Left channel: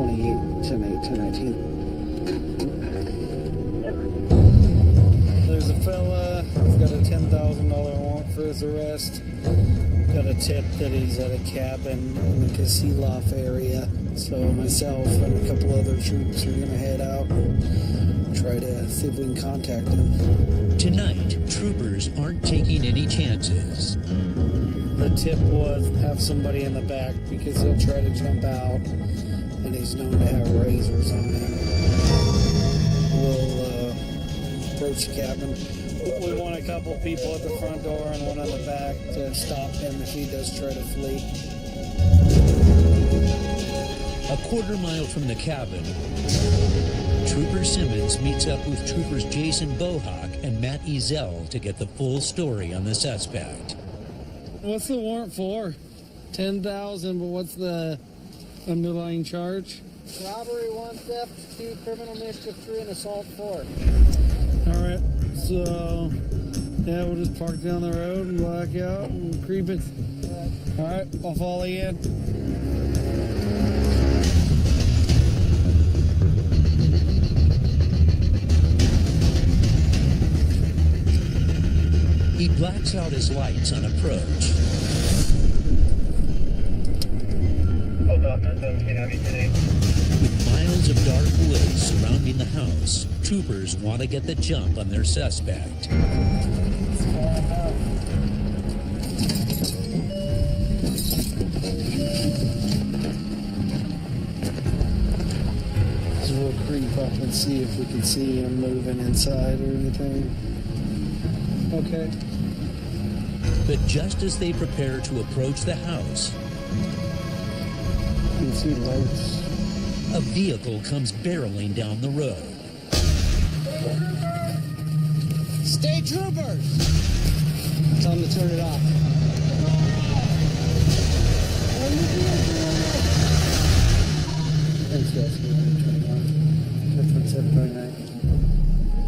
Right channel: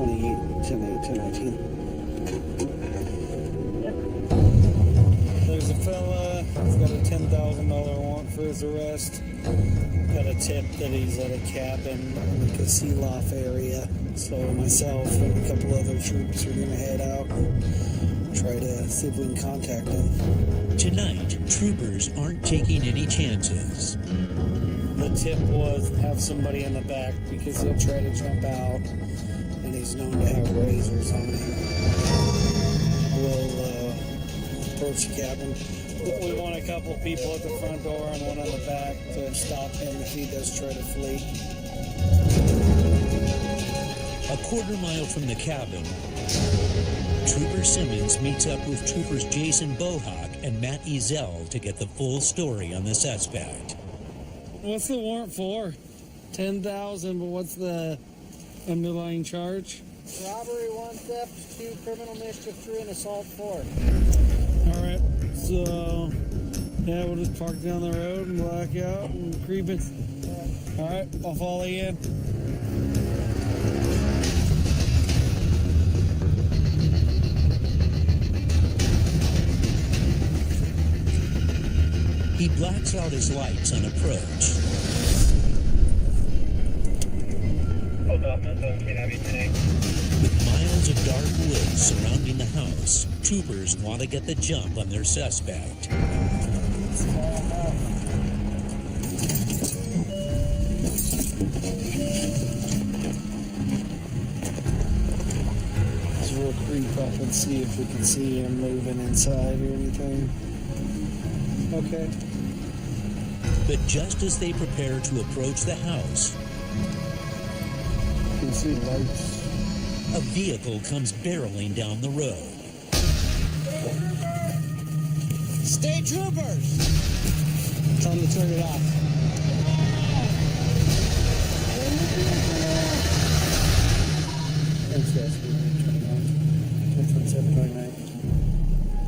28-10-8-10-19. There's a fella, he's got a $10,000 warrant for his arrest. Got a tip that he's at a cabin in the Kasilof area. So myself and a couple other troops are going to head out and try to see if we can contact him. Tonight, troopers aren't taking any chances. The tip was have somebody in the back because he'll try to jump out, and he's known to have razors on him. We'll approach the cabin. We want a couple people at the front door and one on the back to stop him if he does try to flee. A quarter-mile from the cabin, Trooper Simmons meets up with Troopers Jason Bohawk and Matt Ezel to get the full story on the suspect. What's the warrant for? 10,000, but what's the underlying charge? Robbery 1, theft 2, criminal mischief 3, and assault 4. All right, so yeah, we'll just park down the road and black out and creep it. All right, I'll follow you in. He blacks out his lights on approach. With miles of dark woods surrounding the house, troopers want to get the jump on their suspect. So we'll creep up and see if we can see him moving inside or anything. Okay. But just as they prepare to approach the house, you can see lights. A vehicle comes barreling down the road. State troopers! Tell them to turn it off. Turn the car off! Turn the vehicle off! NCSU 21, 729.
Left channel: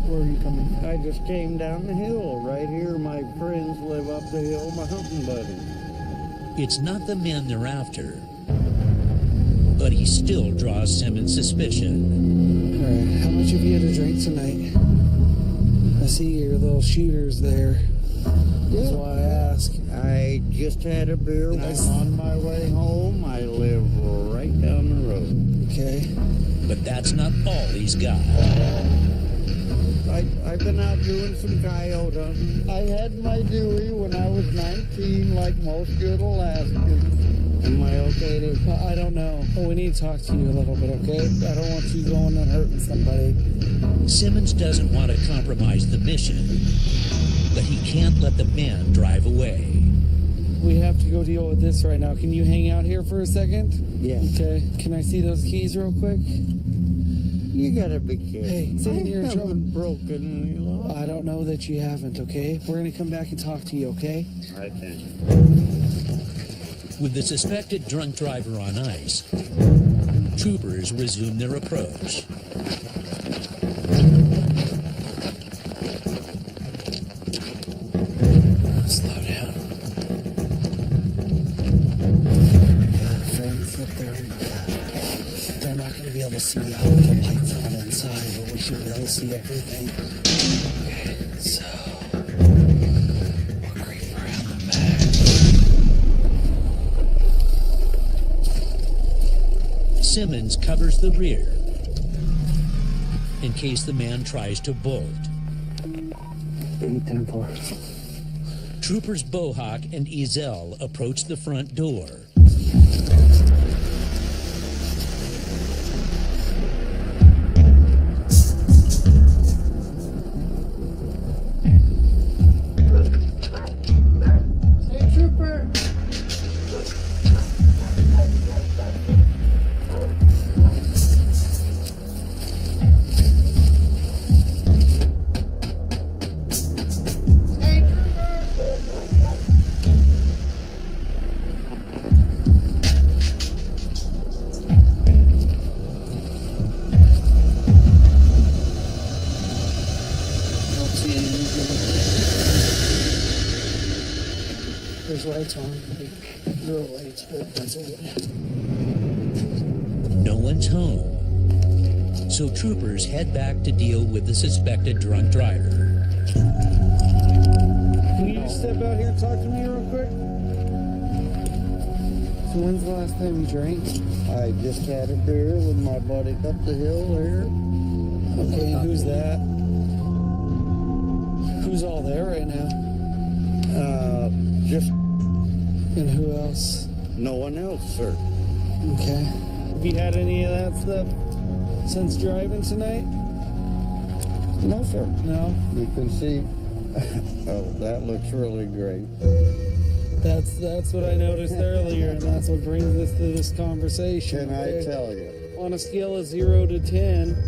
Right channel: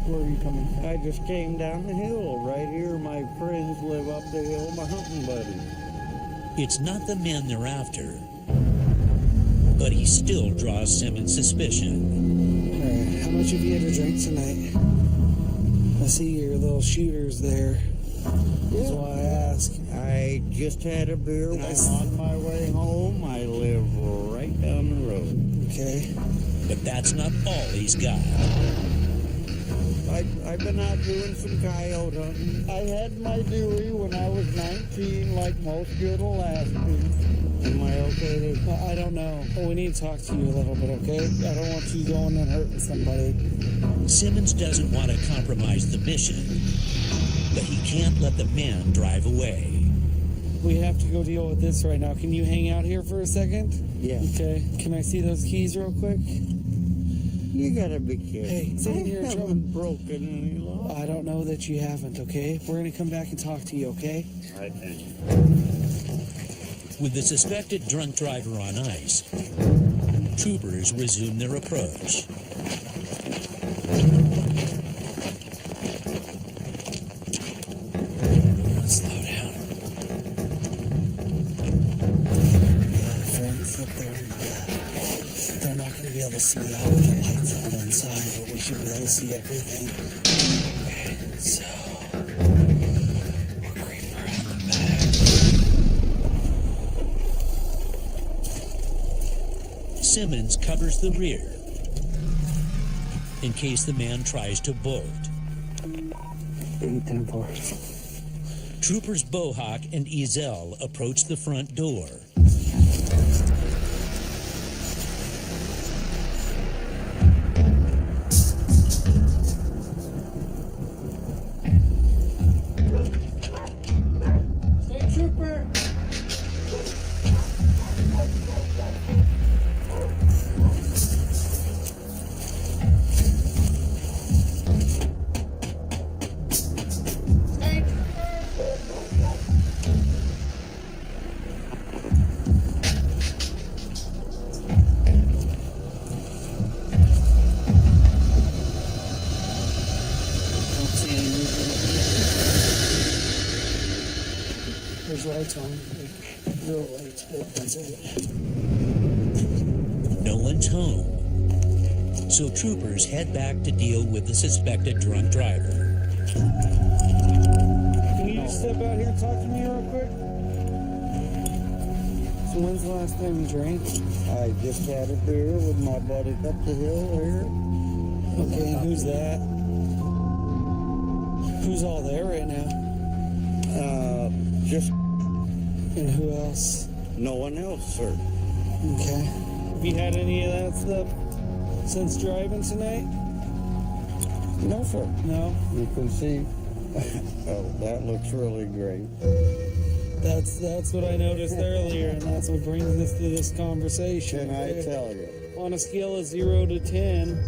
Where are you coming from? I just came down the hill. Right here, my friends live up the hill, my hunting buddies. It's not the men they're after, but he still draws Simmons' suspicion. All right, how much have you had to drink tonight? I see your little shooters there. That's why I ask. I just had a beer. I'm on my way home. I live right down the road. Okay. But that's not all he's got. I've been out doing some coyote hunting. I had my Dewey when I was 19, like most good Alaskans. Am I okay to... I don't know. Well, we need to talk to you a little bit, okay? I don't want you going and hurting somebody. Simmons doesn't want to compromise the mission, but he can't let the man drive away. We have to go deal with this right now. Can you hang out here for a second? Yeah. Okay. Can I see those keys real quick? You gotta be kidding. Hey, say you're in trouble. I haven't broken any law. I don't know that you haven't, okay? We're going to come back and talk to you, okay? I think. With the suspected drunk driver on ice, troopers resume their approach. Slow down. The fence up there on the left. They're not going to be able to see out with the lights on inside, but we should be able to see everything. Okay, so we'll creep around the back. Simmons covers the rear in case the man tries to bolt. 8-10-4. Troopers Bohawk and Ezel approach the front door. State trooper! State trooper! Don't see any movement up there. There's lights on, like real lights, but that's it. No one's home. So troopers head back to deal with the suspected drunk driver. Can you just step out here and talk to me real quick? So when's the last time you drank? I just had a beer with my buddy up the hill here. Okay, and who's that? Who's all there right now? Just And who else? no one else, sir. Okay. Have you had any of that stuff since driving tonight? No, sir. No? You can see. Oh, that looks really great. That's what I noticed earlier, and that's what brings us to this conversation. Can okay? I tell you? On a scale of 0 to 10,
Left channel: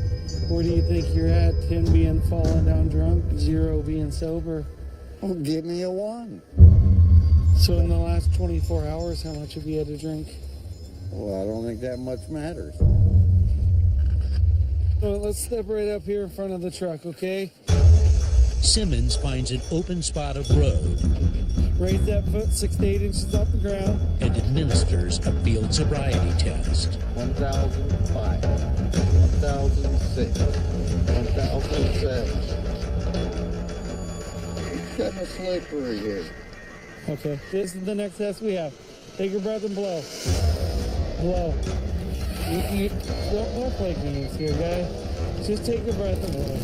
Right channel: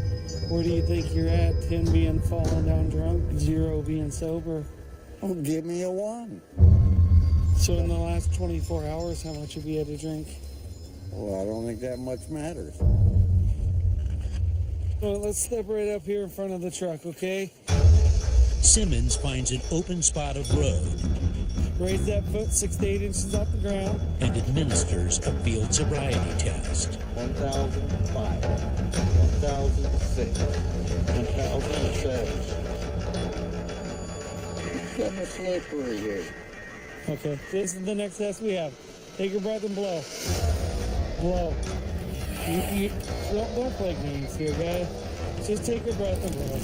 where do you think you're at? 10 being falling down drunk, 0 being sober. Oh, give me a 1. So in the last 24 hours, how much have you had to drink? Well, I don't think that much matters. Well, let's step right up here in front of the truck, okay? Simmons finds an open spot of road Raise that foot 6 to 8 inches off the ground. and administers a field sobriety test. 1,005, 1,006, 1,007. It's kind of slippery here. Okay, this is the next test we have. Take your breath and blow. Blow. You don't play games here, guy. Just take your breath and blow.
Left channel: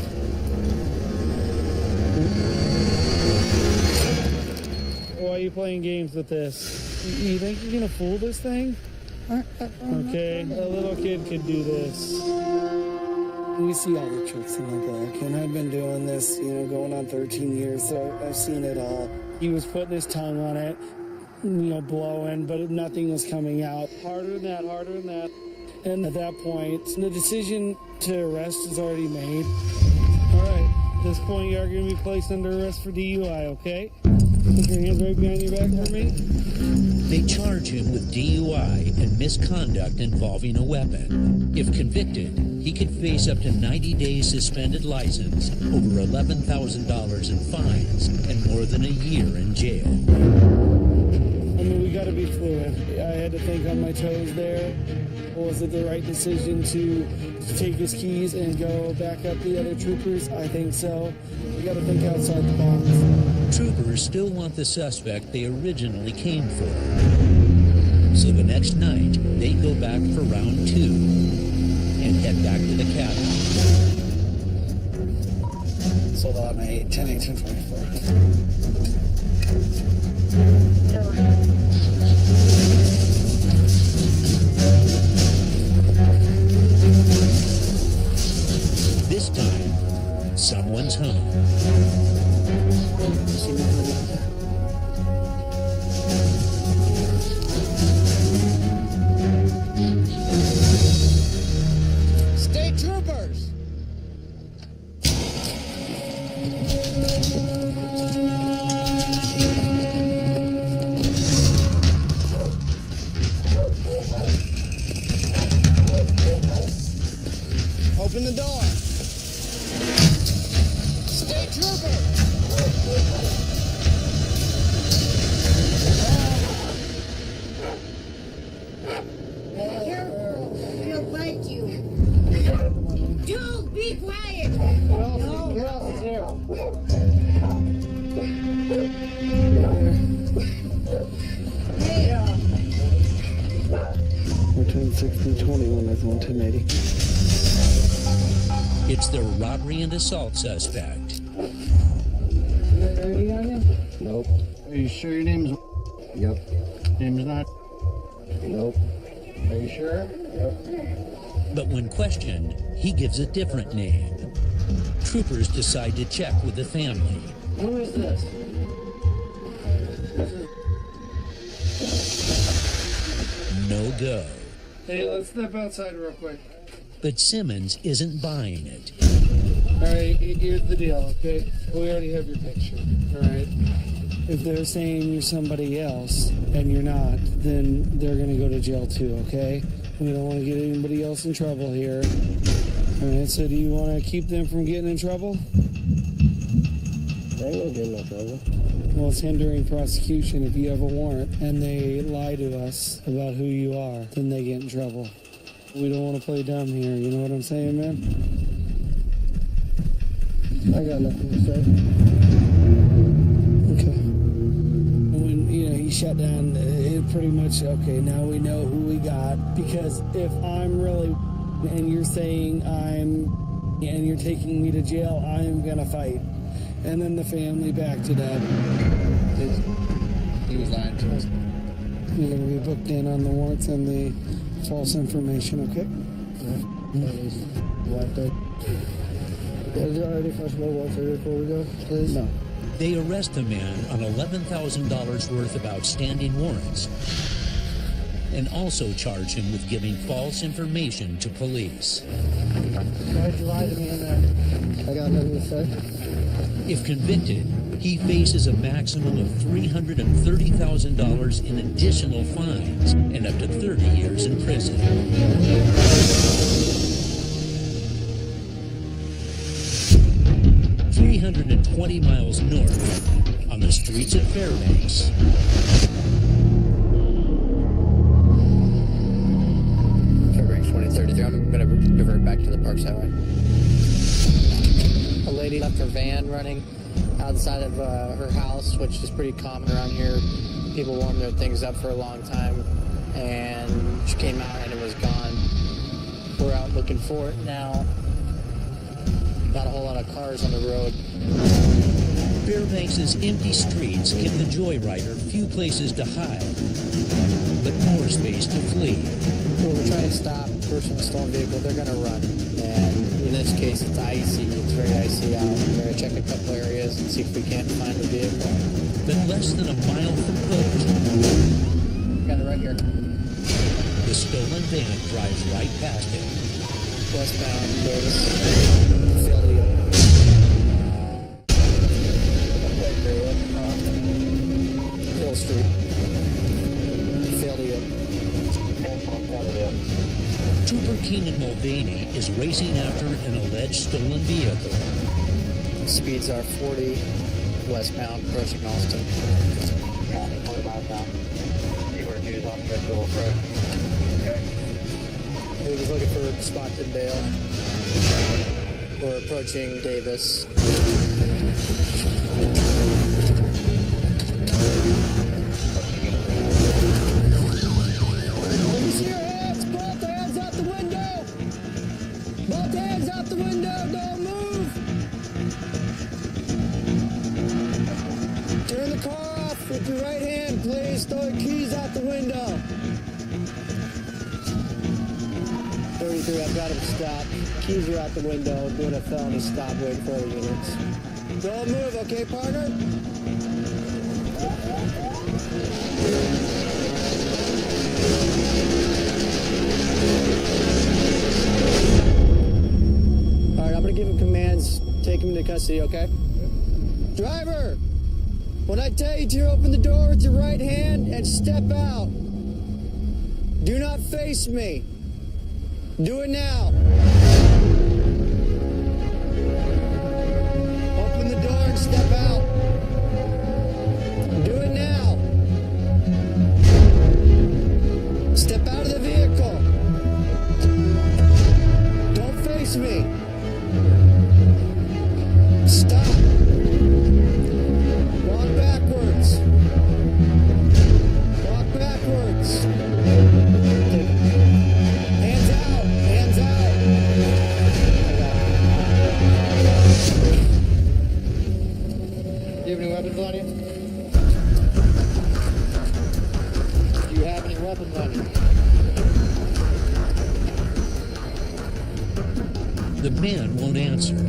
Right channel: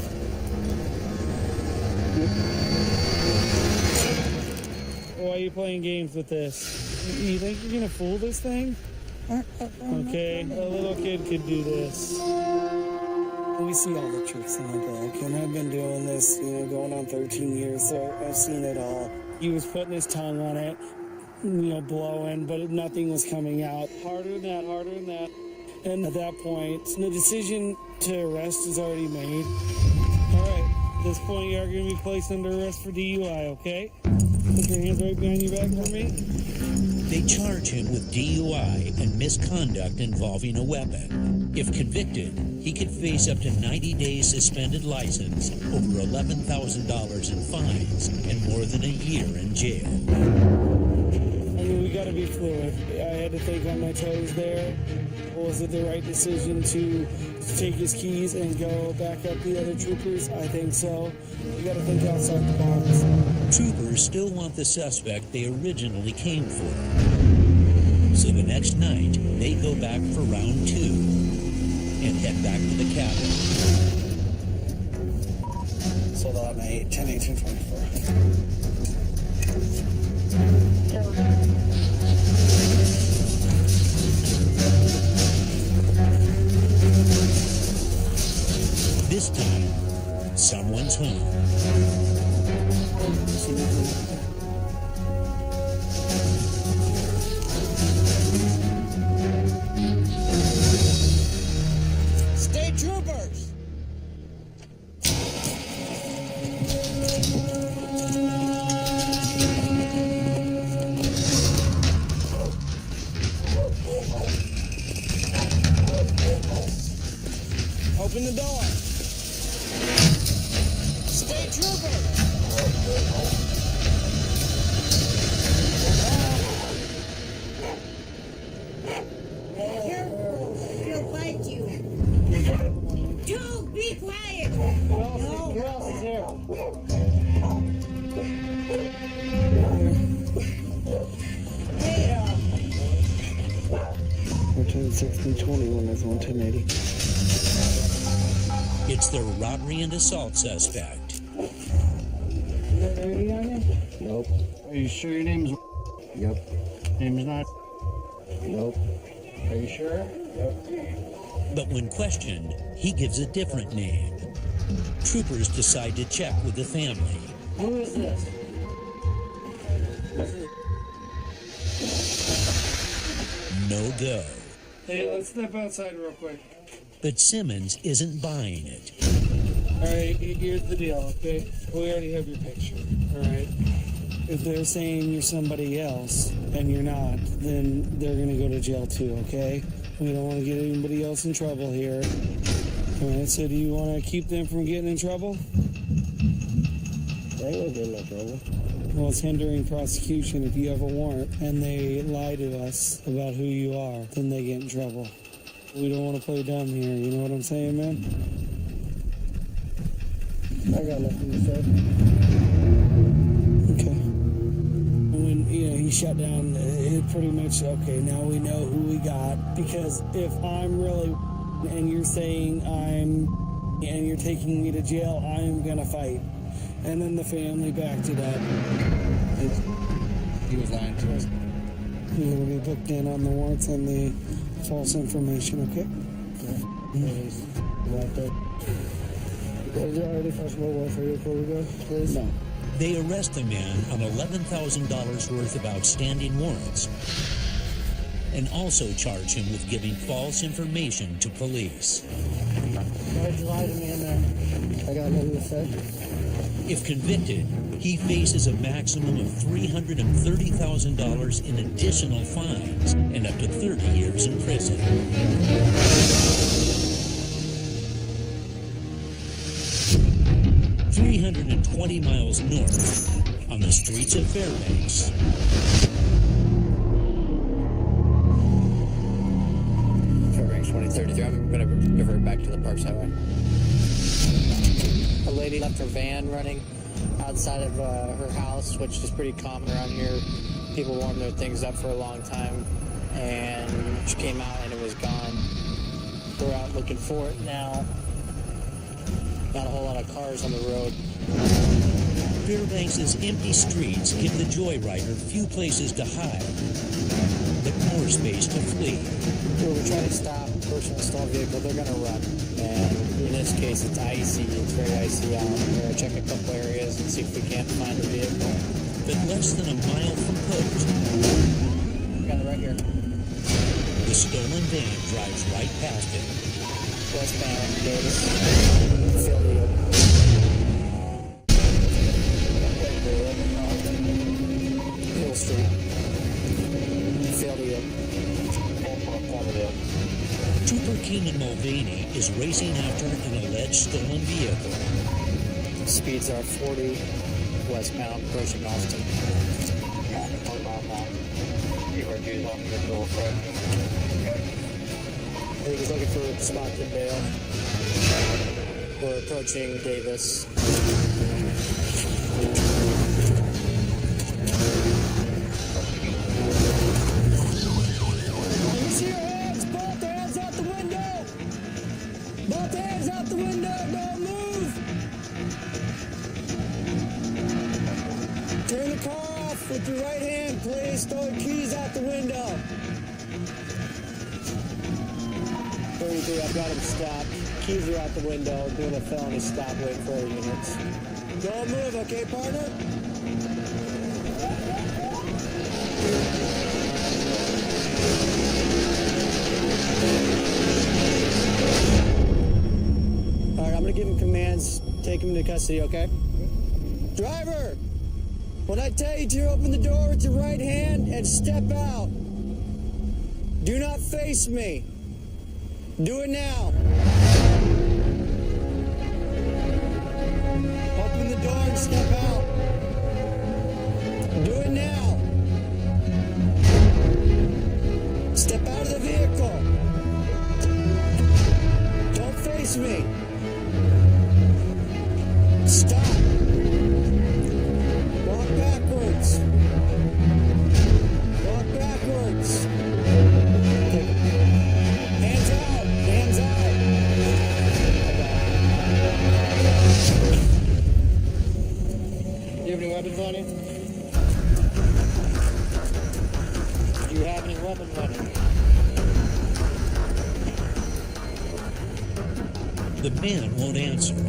Why are you playing games with this? You think you're gonna fool this thing? Okay, a little kid could do this. We see all the tricks in the book, and I've been doing this, going on 13 years, so I've seen it all. He was putting his tongue on it, blowing, but nothing was coming out. Harder than that, harder than that. And at that point, the decision to arrest is already made. All right, at this point, you are going to be placed under arrest for DUI, okay? Put your hands right behind your back for me. They charge him with DUI and misconduct involving a weapon. If convicted, he could face up to 90 days suspended license, over $11,000 in fines, and more than a year in jail. I mean, we got to be fluid. I had to think on my toes there. Was it the right decision to take his keys and go back up the other troopers? I think so. You got to think outside the box. Troopers still want the suspect they originally came for. So the next night, they go back for round 2 and head back to the cabin. Sold out on 8, 10, 18, 24. This time, someone's home. See movement over there. State troopers! Open the door. State troopers! Careful, he'll bite you. Come on in. Joe, be quiet. Who else is here? There. Hey, We're 1060, 21 is 11080. It's the robbery and assault suspect. Nope. Are you sure your name's... Yep. Name's not... Nope. Are you sure? Yep. But when questioned, he gives a different name. Troopers decide to check with the family. Who is this? No go. Hey, let's step outside real quick. But Simmons isn't buying it. All right, here's the deal, okay? We already have your picture, all right? If they're saying you're somebody else and you're not, then they're going to go to jail too, okay? We don't want to get anybody else in trouble here. All right, so do you want to keep them from getting in trouble? They ain't gonna get in no trouble. Well, it's hindering prosecution. If you have a warrant and they lie to us about who you are, then they get in trouble. We don't want to play dumb here, you know what I'm saying, man? I got nothing to say. Okay. When, he shut down, it pretty much, okay, now we know who we got. Because if I'm really and you're saying and you're taking me to jail, I'm going to fight. And then the family backed it up. He was lying to us. You're going to be booked in on the warrants and the false information, okay? Yeah. Please. Right there. Is there already first one going through before we go, please? No. They arrest the man on $11,000 worth of outstanding warrants and also charge him with giving false information to police. Why'd you lie to me in there? I got nothing to say. If convicted, he faces a maximum of $330,000 in additional fines and up to 30 years in prison. 320 miles north on the streets of Fairbanks. Fairbanks 2033. I'm going to divert back to the Parks Highway. A lady left her van running outside of her house, which is pretty common around here. People warm their things up for a long time, and she came out and it was gone. We're out looking for it now. Not a whole lot of cars on the road. Fairbanks' empty streets give the joyrider few places to hide, but more space to flee. When we try to stop a person in a stolen vehicle, they're going to run. And in this case, it's icy. It's very icy out. We're going to check a couple areas and see if we can't find the vehicle. But less than a mile from Post, Got it right here. the stolen van drives right past him. Westbound Davis. Failed to yield. Hill Street. Failed to yield. Trooper Keenan Mulvaney is racing after an alleged stolen vehicle. Speeds are 40 westbound approaching Alston. Copy, 4 miles now. T-42 is on Mitchell approaching. Okay. I think he's looking for spot and bail. We're approaching Davis. Let me see your hands. Both hands out the window. Both hands out the window. Don't move. Turn the car off with your right hand, please. Throw your keys out the window. 33, I've got him stopped. Keys are out the window, doing a felony stop, waiting for other units. Don't move, okay, partner? All right, I'm gonna give him commands. Take him into custody, okay? Driver, when I tell you to open the door with your right hand and step out, do not face me. Do it now. Open the door and step out. Do it now. Step out of the vehicle. Don't face me. Stop. Walk backwards. Walk backwards. Take him. Hands out. Hands out. I got him. Do you have any weapons on you? Do you have any weapons on you? The man won't answer.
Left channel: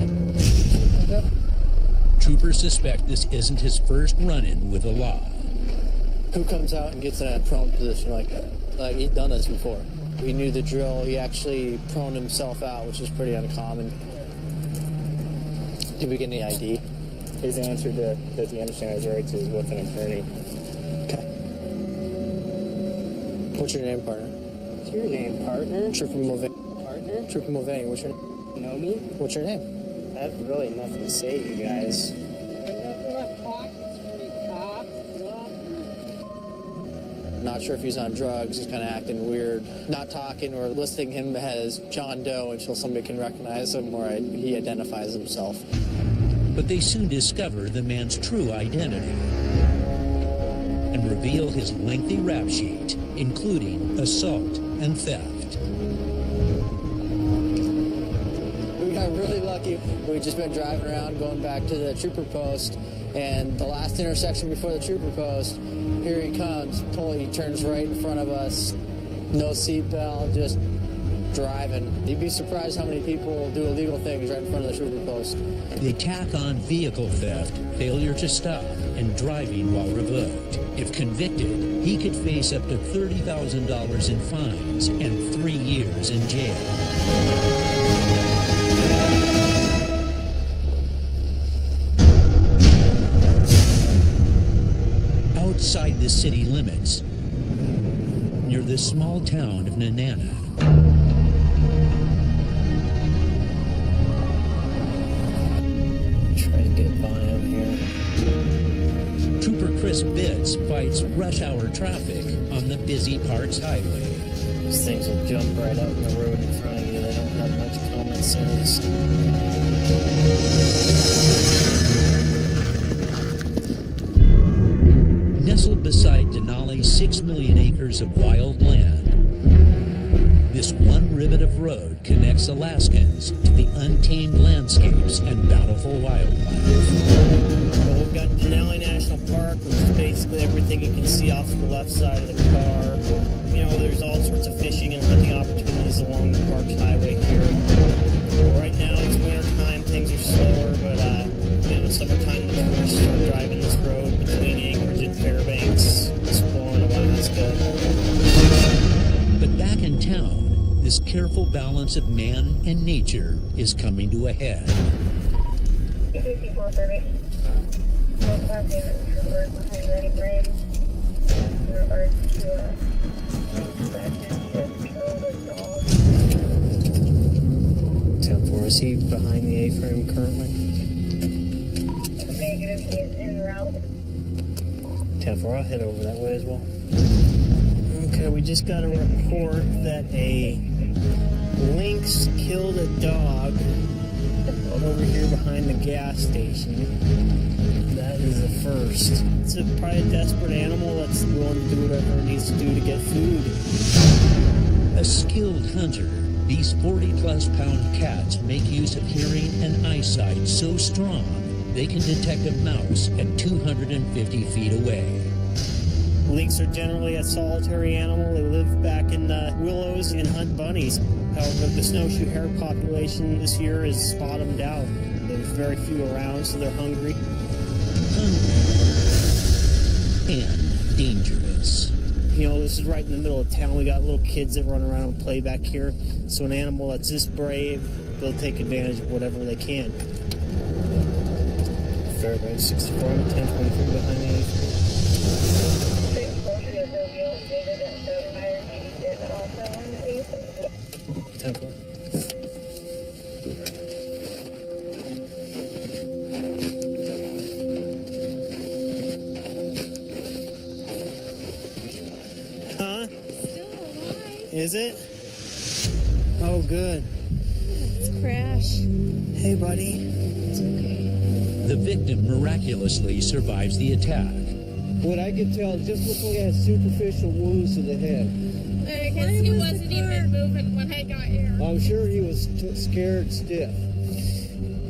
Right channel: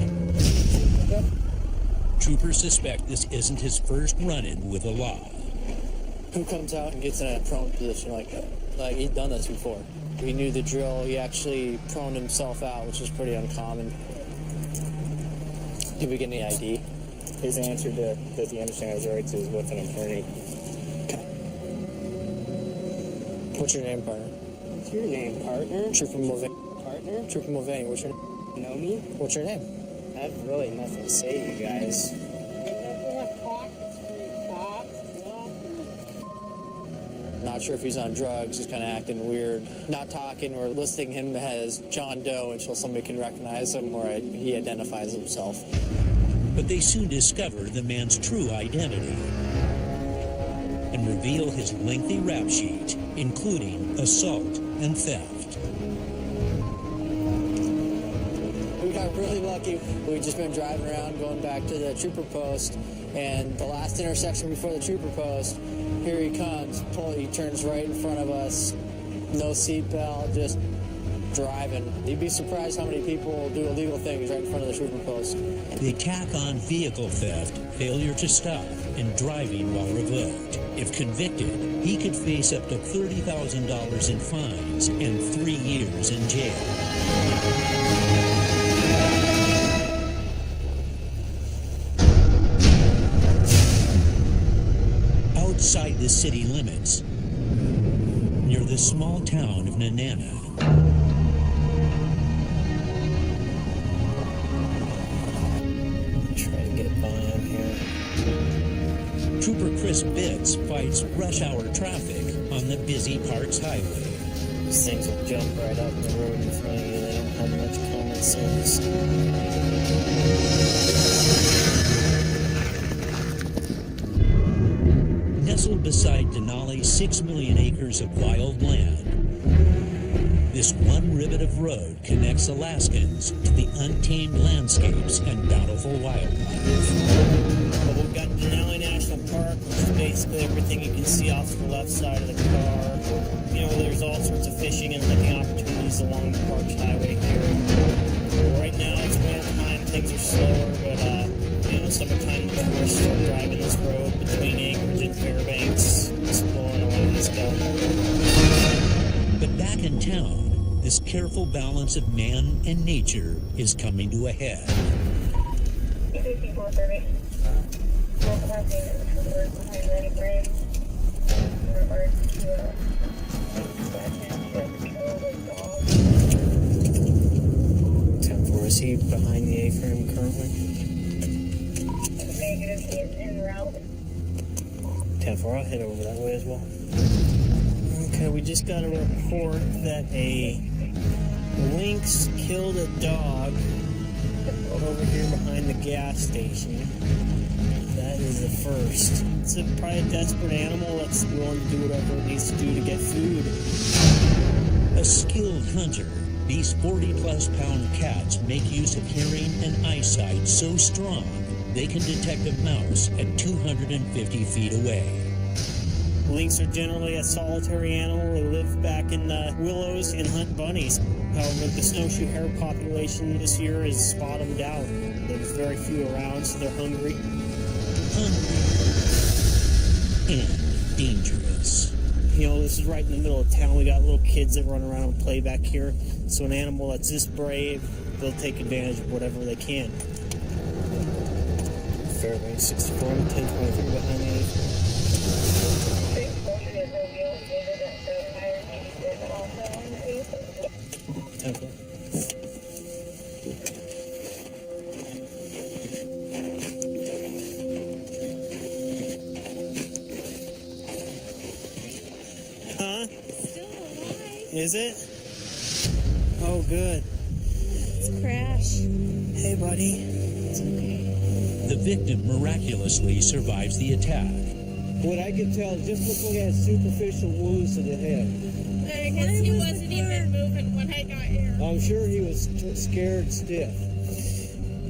Troopers suspect this isn't his first run-in with the law. Who comes out and gets in a prone position like that? Like, he's done this before. He knew the drill. He actually proned himself out, which is pretty uncommon. Did we get any ID? His answer to does he understand his rights is with an attorney. Okay. What's your name, partner? What's your name, partner? Trooper Mulvaney. Partner? Trooper Mulvaney, what's your name? Know me? What's your name? I have really nothing to say to you guys. Not sure if he's on drugs. He's kind of acting weird, not talking or listing him as John Doe until somebody can recognize him or he identifies himself. But they soon discover the man's true identity and reveal his lengthy rap sheet, including assault and theft. We got really lucky. We'd just been driving around, going back to the trooper post, and the last intersection before the trooper post, here he comes. He turns right in front of us, no seatbelt, just driving. You'd be surprised how many people do illegal things right in front of the trooper post. They tack on vehicle theft, failure to stop, and driving while revoked. If convicted, he could face up to $30,000 in fines and 3 years in jail. Outside the city limits, near the small town of Nenana, Try to get by him here. Trooper Chris Bitts fights rush hour traffic on the busy Parks Highway. These things will jump right out in the road in front of you. They don't have much common sense. Nestled beside Denali's 6 million acres of wild land, this one ribbon of road connects Alaskans to the untamed landscapes and bountiful wildlife. Well, we've got Denali National Park, which is basically everything you can see off to the left side of the car. You know, there's all sorts of fishing and hunting opportunities along the Parks Highway here. Right now, it's winter time, things are slower, but you know, summertime, the tourists start driving this road between Anchorage and Fairbanks, exploring Alaska. But back in town, this careful balance of man and nature is coming to a head. 5430. Roll passing troopers behind ready frame in regards to a link that his ship killed a dog. 10-4, is he behind the A-frame currently? Negative, he is en route. 10-4, I'll head over that way as well. Okay, we just got a report that a lynx killed a dog over here behind the gas station. That is a first. It's probably a desperate animal that's willing to do whatever it needs to do to get food. A skilled hunter, these 40-plus pound cats make use of hearing and eyesight so strong they can detect a mouse at 250 feet away. Lynx are generally a solitary animal. They live back in the willows and hunt bunnies. However, the snowshoe hare population this year is bottomed out. There's very few around, so they're hungry. Hungry and dangerous. You know, this is right in the middle of town. We got little kids that run around and play back here. So an animal that's this brave, they'll take advantage of whatever they can. Fairbanks 64, I'm 1023 behind the A-frame. 640 is no real data that the fire chief is also on the A-frame. 10-4. Huh? Still alive. Is it? Oh, good. It's Crash. Hey, buddy. It's okay. The victim miraculously survives the attack. What I could tell, just looked like it had superficial wounds to the head. Because he wasn't even moving when I got here. I'm sure he was scared stiff.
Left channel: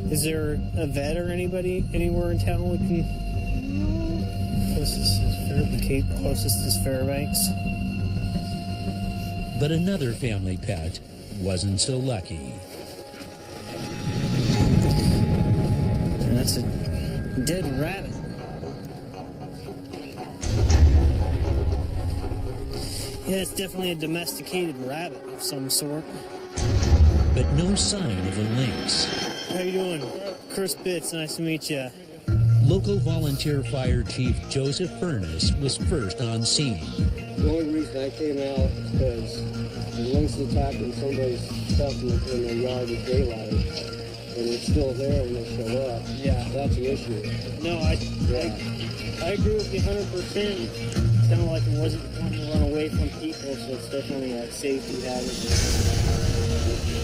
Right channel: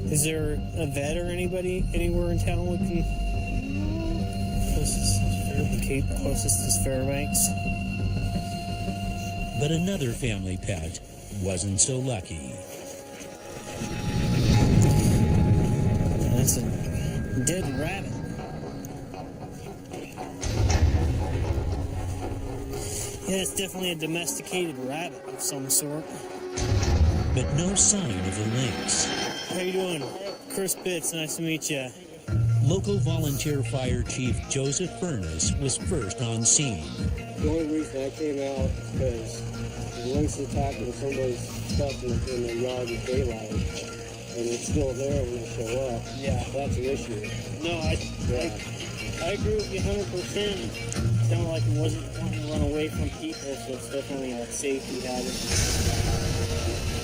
Is there a vet or anybody anywhere in town we can? No. Closest is Fairbanks. Closest is Fairbanks. But another family pet wasn't so lucky. That's a dead rabbit. Yeah, it's definitely a domesticated rabbit of some sort. But no sign of the lynx. How you doing? Chris Bitts, nice to meet you. Local volunteer fire chief Joseph Furness was first on scene. The only reason I came out is because the lynx attacking somebody's stuff in their yard with daylight, and it's still there when they show up. Yeah. That's an issue. No, I agree with you 100%. sounded like it wasn't wanting to run away from people, so it's definitely a safety hazard.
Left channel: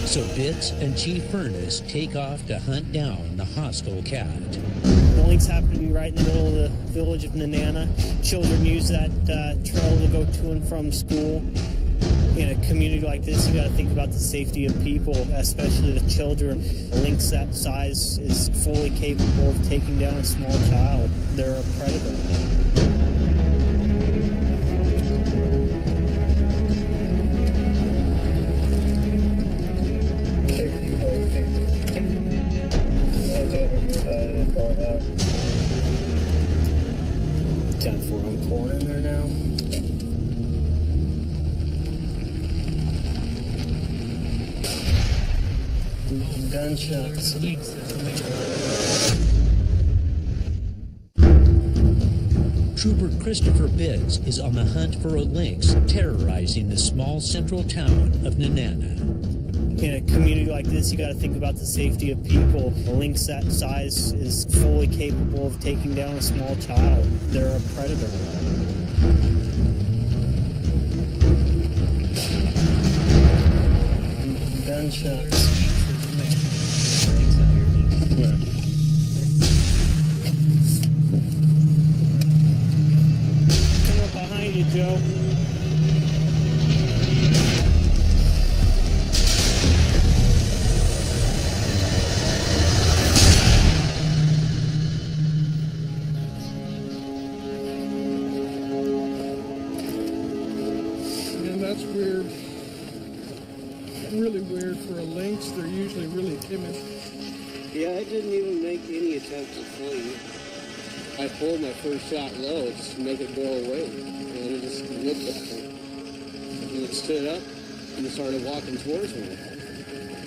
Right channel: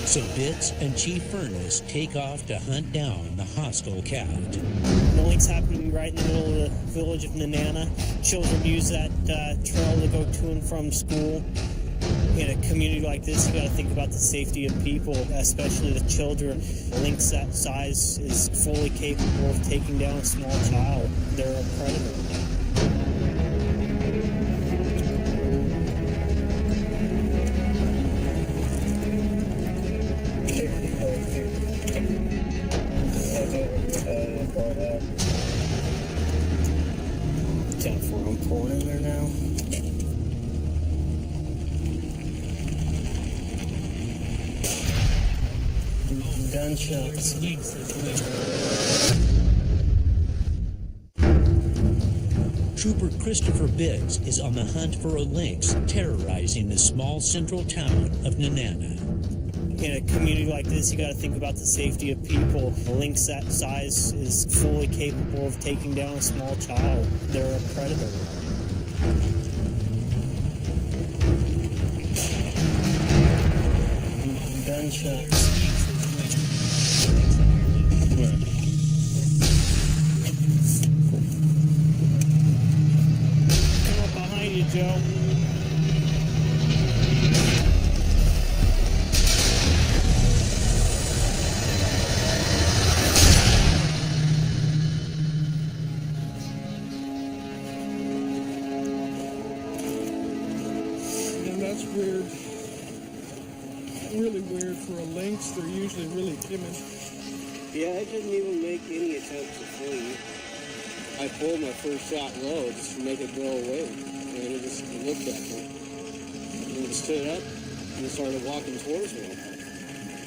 So Bitts and Chief Furness take off to hunt down the hostile cat. The lynx happened to be right in the middle of the village of Nenana. Children use that trail to go to and from school. In a community like this, you got to think about the safety of people, especially the children. A lynx that size is fully capable of taking down a small child. They're a predator. Head over here by the courthouse. 10-4, I'm pulling in there now. Gunshots. Trooper Christopher Bitts is on the hunt for a lynx terrorizing the small central town of Nenana. In a community like this, you got to think about the safety of people. A lynx that size is fully capable of taking down a small child. They're a predator. Gunshots. Lynx out here, dude. Where? Come up behind you, Joe. And that's weird. Really weird for a lynx. They're usually really timid. Yeah, I didn't even make any attempt to flee. I pulled my first shot low just to make it go away. And it just looked at me. And it stood up and started walking towards me.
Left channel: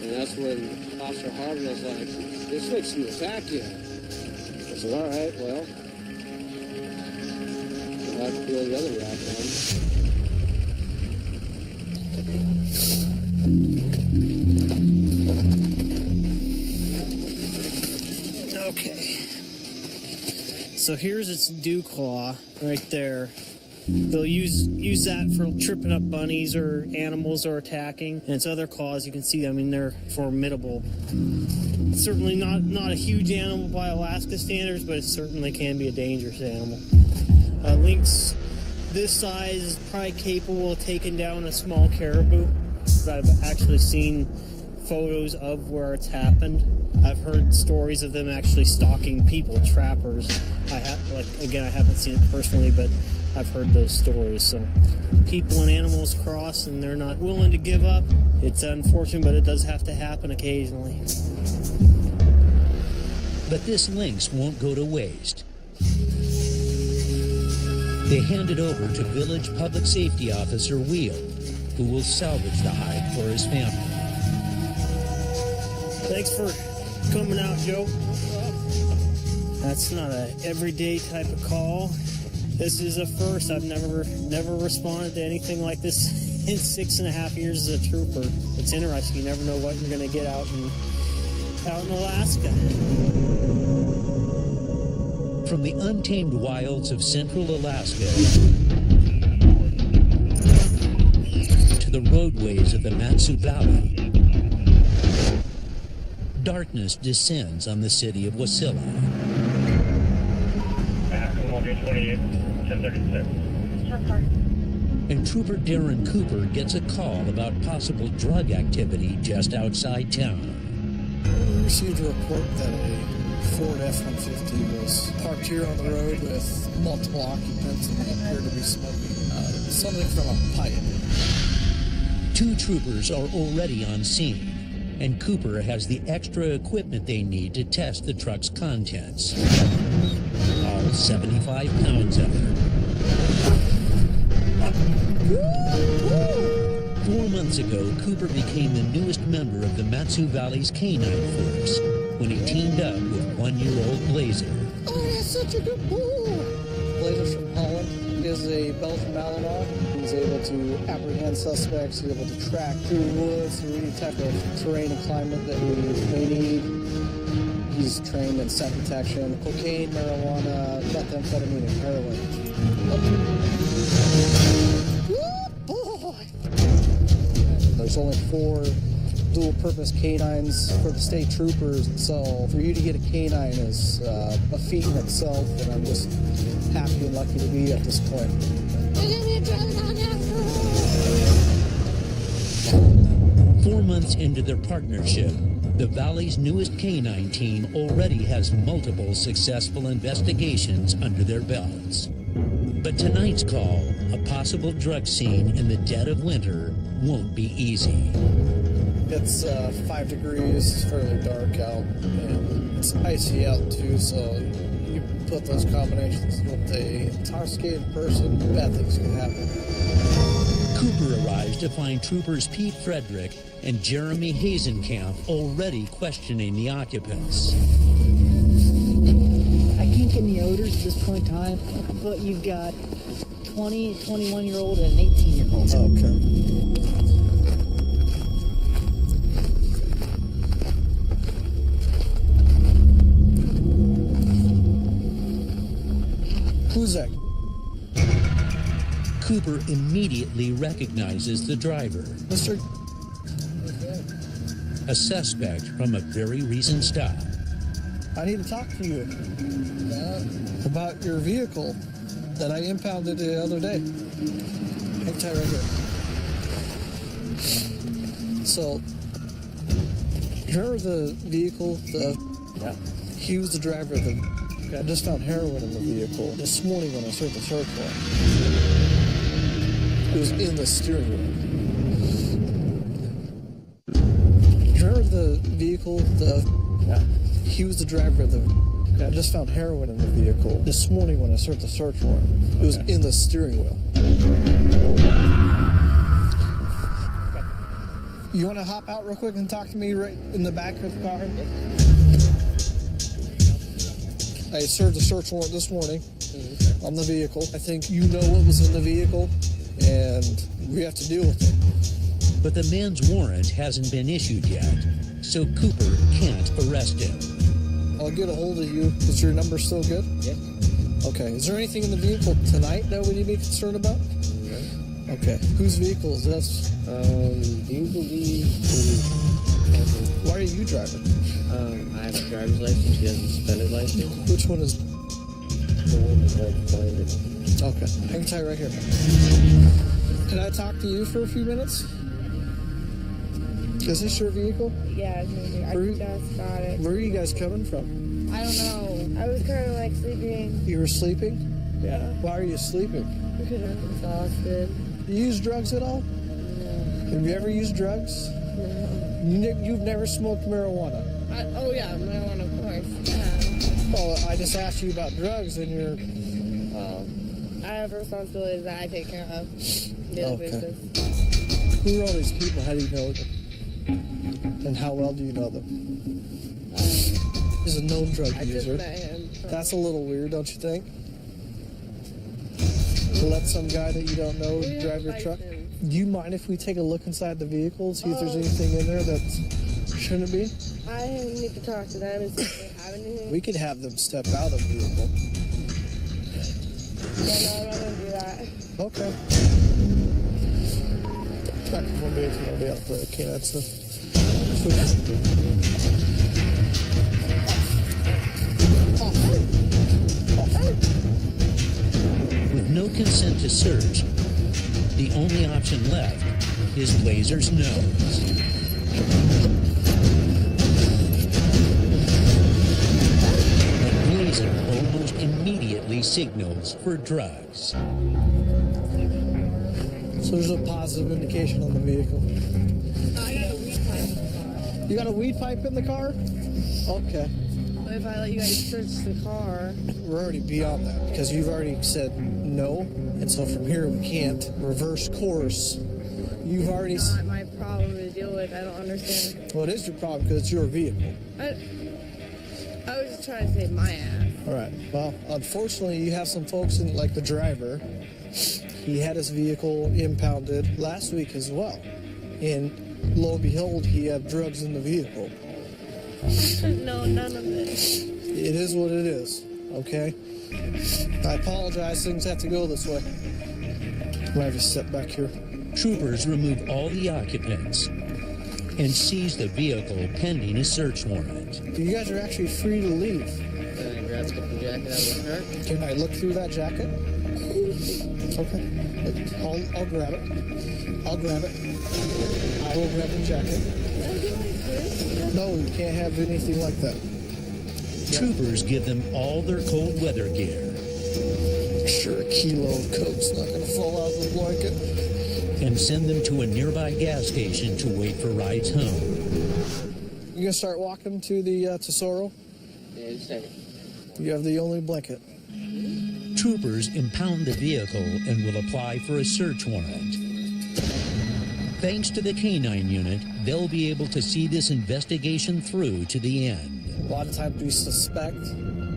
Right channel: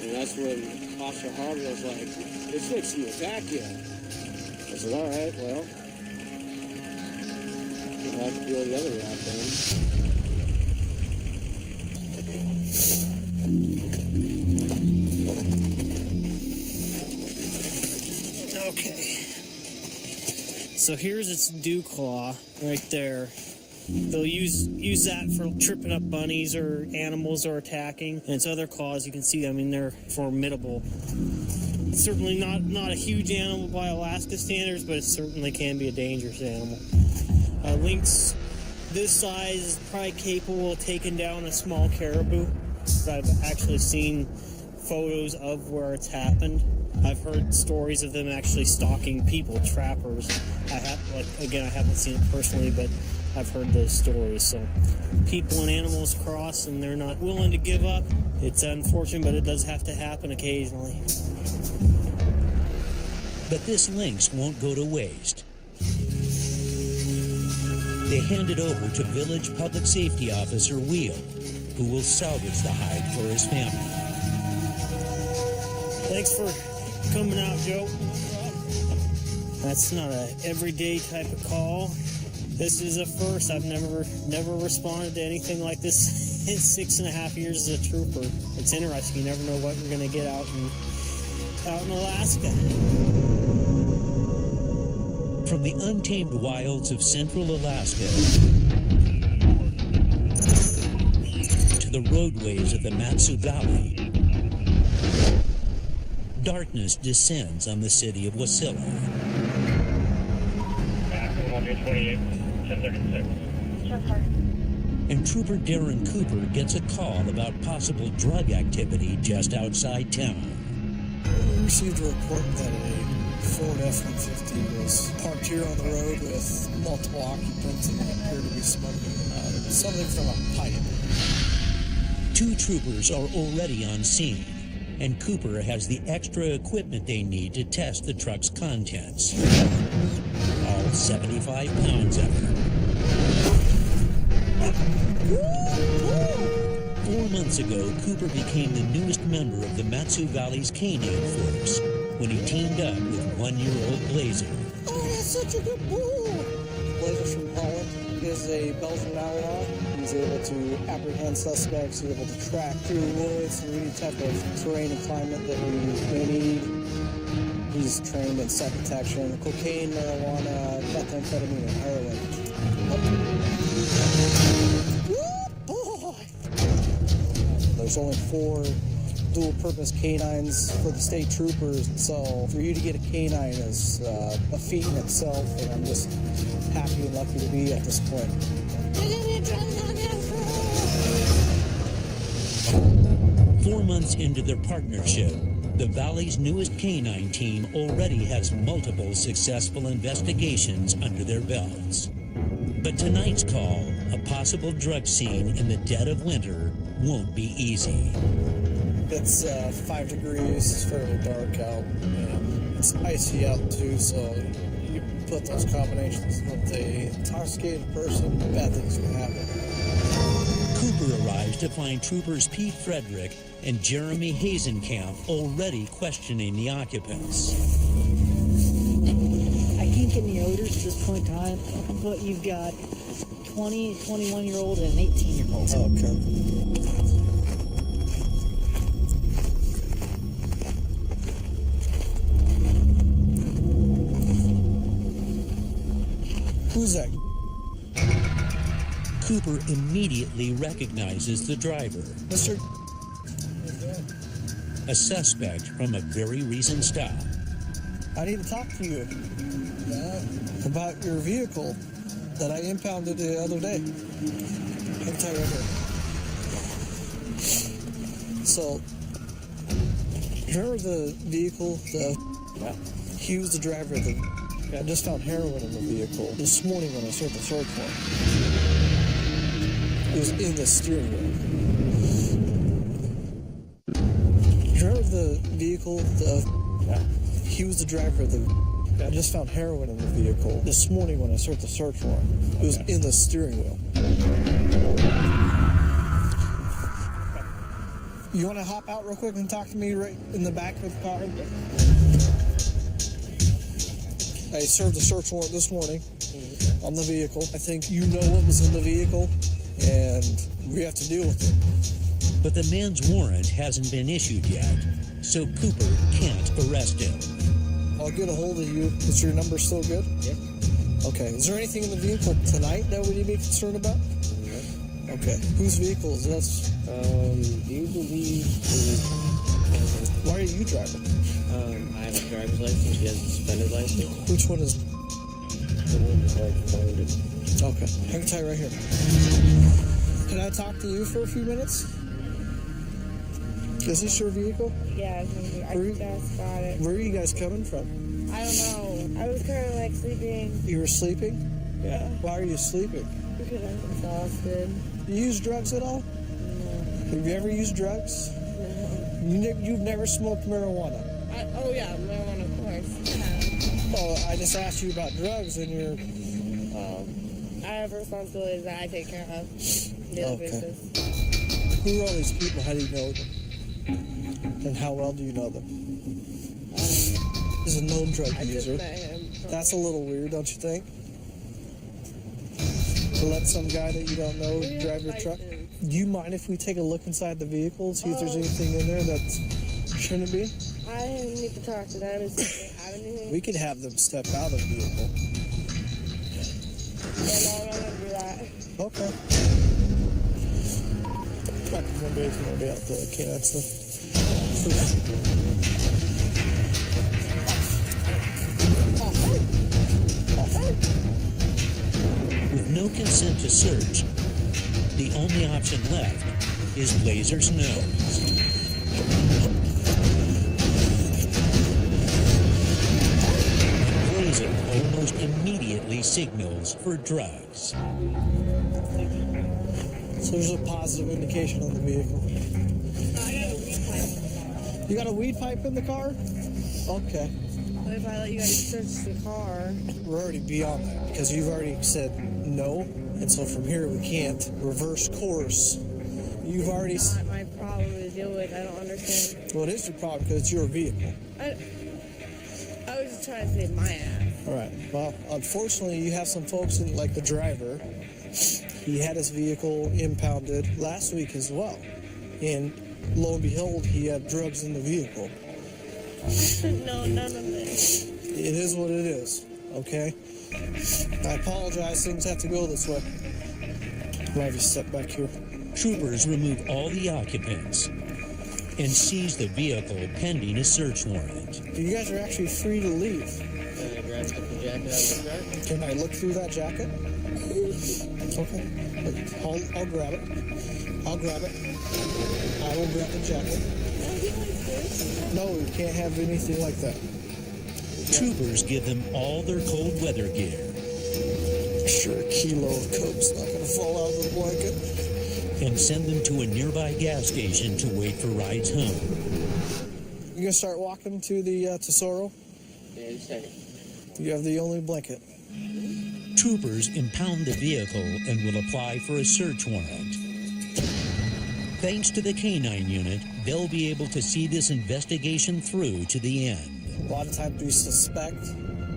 And that's when Officer Harvey was like, "This thing's to attack you." I said, "All right, well, we'll have to peel the other rock down." Okay. So here's its dew claw right there. They'll use that for tripping up bunnies or animals or attacking. And its other claws, you can see, I mean, they're formidable. It's certainly not a huge animal by Alaska standards, but it certainly can be a dangerous animal. A lynx this size is probably capable of taking down a small caribou. I've actually seen photos of where it's happened. I've heard stories of them actually stalking people, trappers. I haven't seen it personally, but I've heard those stories. So people and animals cross and they're not willing to give up. It's unfortunate, but it does have to happen occasionally. But this lynx won't go to waste. They hand it over to Village Public Safety Officer Wheel, who will salvage the hide for his family. Thanks for coming out, Joe. No problem. That's not a everyday type of call. This is a first. I've never responded to anything like this in 6.5 years as a trooper. It's interesting. You never know what you're going to get out in Alaska. From the untamed wilds of central Alaska to the roadways of the Matsu Valley, darkness descends on the city of Wasilla. Come on, 28, 1036. Sure, sorry. And Trooper Darren Cooper gets a call about possible drug activity just outside town. We received a report that a Ford F-150 was parked here on the road with multiple occupants and they appeared to be smoking something from a pipe. 2 troopers are already on scene, and Cooper has the extra equipment they need to test the truck's contents. All 75 pounds of it. 4 months ago, Cooper became the newest member of the Matsu Valley's Canine Force when he teamed up with 1-year-old Blazer. Oh, that's such a good bull! Blazer's from Holland. He is a Belgian Malinois. He's able to apprehend suspects. He's able to track through woods, through any type of terrain and climate that we may need. He's trained in scent detection, cocaine, marijuana, methamphetamine, and heroin. Oh. Good boy! There's only 4 dual-purpose canines for the state troopers, so for you to get a canine is a feat in itself, and I'm just happy and lucky to be at this point. They're gonna be a drug dog after all. 4 months into their partnership, the Valley's newest canine team already has multiple successful investigations under their belts. But tonight's call, a possible drug scene in the dead of winter, won't be easy. It's 5 degrees, it's fairly dark out, and it's icy out too, so you put those combinations with a intoxicated person, bad things could happen. Cooper arrives to find troopers Pete Frederick and Jeremy Hazenkamp already questioning the occupants. I can't get any odors at this point in time, but you've got 20, 21-year-old and an 18-year-old. Okay. Who's that? Cooper immediately recognizes the driver, Mr. a suspect from a very recent stop. I need to talk to you about your vehicle that I impounded the other day. Hang tight right here. So, remember the vehicle? He was the driver of the. I just found heroin in the vehicle this morning when I served the search warrant. It was in the steering wheel. Remember the vehicle? He was the driver of the. I just found heroin in the vehicle this morning when I served the search warrant. It was in the steering wheel. You want to hop out real quick and talk to me right in the back of the car? I served a search warrant this morning on the vehicle. I think you know what was in the vehicle, and we have to deal with it. But the man's warrant hasn't been issued yet, so Cooper can't arrest him. I'll get a hold of you. Is your number still good? Yeah. Okay. Is there anything in the vehicle tonight that we need to be concerned about? No. Okay. Whose vehicle is this? Do you believe in... Why are you driving? I have a driver's license. He has a suspended license. Which one is... The one that's like blinded. Okay. Hang tight right here. Can I talk to you for a few minutes? Is this your vehicle? Yeah, it's maybe. I just got it. Where are you guys coming from? I don't know. I was kind of like sleeping. You were sleeping? Yeah. Why are you sleeping? Because I was exhausted. You use drugs at all? No. Have you ever used drugs? No. You've never smoked marijuana? Oh yeah, marijuana, of course. Yeah. Oh, I just asked you about drugs and you're... Well, I have responsibilities that I take care of on a daily basis. Who are all these people? How do you know them? And how well do you know them? He's a known drug user. Just met him. That's a little weird, don't you think? To let some guy that you don't know drive your truck? Do you mind if we take a look inside the vehicle, see if there's anything in there that shouldn't be? I need to talk to them and see if they have anything. We could have them step out of the vehicle. Yeah, no, I'm not going to do that. Okay. Back in 1B18, I'll be out the canine stuff. With no consent to search, the only option left is Blazer's nose. And Blazer almost immediately signals for drugs. So there's a positive indication on the vehicle. I got a weed pipe in the car. You got a weed pipe in the car? Okay. But if I let you guys search the car... We're already beyond that, because you've already said no, and so from here we can't reverse course. You've already... It's not my problem to deal with. I don't understand. Well, it is your problem, because it's your vehicle. I was just trying to save my ass. All right. Well, unfortunately, you have some folks in, like the driver. He had his vehicle impounded last week as well. And lo and behold, he had drugs in the vehicle. No, none of it. It is what it is, okay? I apologize, things have to go this way. I'm gonna have you step back here. Troopers remove all the occupants and seize the vehicle pending a search warrant. You guys are actually free to leave. Can I grab a different jacket out of the cart? Can I look through that jacket? Okay. I'll grab it. I'll grab it. I will grab the jacket. Can I get my purse? No, you can't have anything like that. Troopers give them all their cold weather gear. Sure, a kilo of Coke's not going to fall out of the blanket. And send them to a nearby gas station to wait for rides home. You going to start walking to the Tesoro? Yeah, just a second. You have the only blanket. Troopers impound the vehicle and will apply for a search warrant. Thanks to the K-9 unit, they'll be able to see this investigation through to the end. A lot of times we suspect,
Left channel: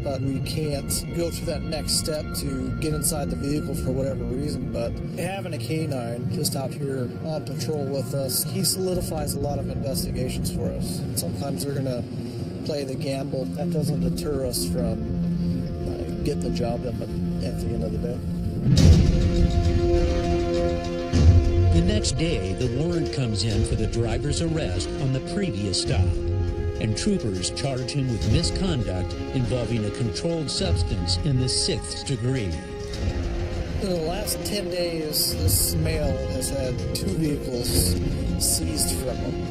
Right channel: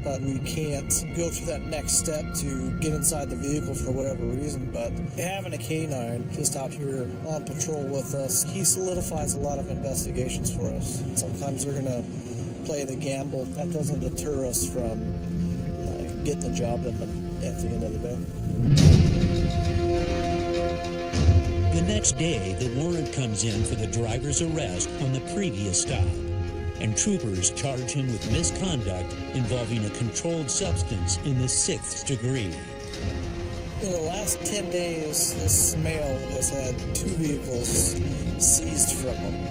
but we can't go to that next step to get inside the vehicle for whatever reason. But having a K-9 just out here on patrol with us, he solidifies a lot of investigations for us. Sometimes they're going to play the gamble. That doesn't deter us from getting the job done at the end of the day. The next day, the warrant comes in for the driver's arrest on the previous stop, and troopers charge him with misconduct involving a controlled substance in the 6th degree. In the last 10 days, this male has had 2 vehicles seized from him,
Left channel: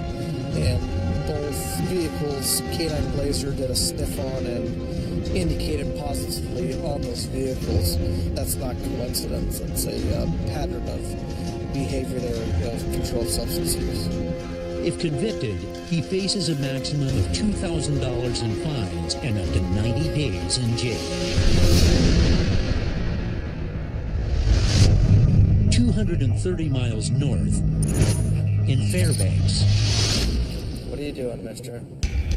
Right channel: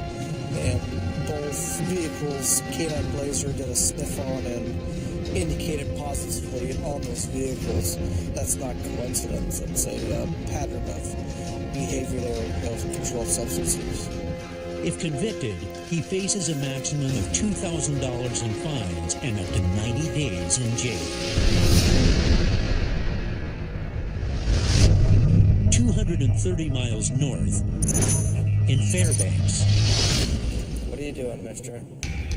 and both vehicles, K-9 Blazer did a sniff on and indicated positively on those vehicles. That's not coincidence. It's a pattern of behavior there of controlled substance use. If convicted, he faces a maximum of $2,000 in fines and up to 90 days in jail. 230 miles north in Fairbanks. What are you doing, mister?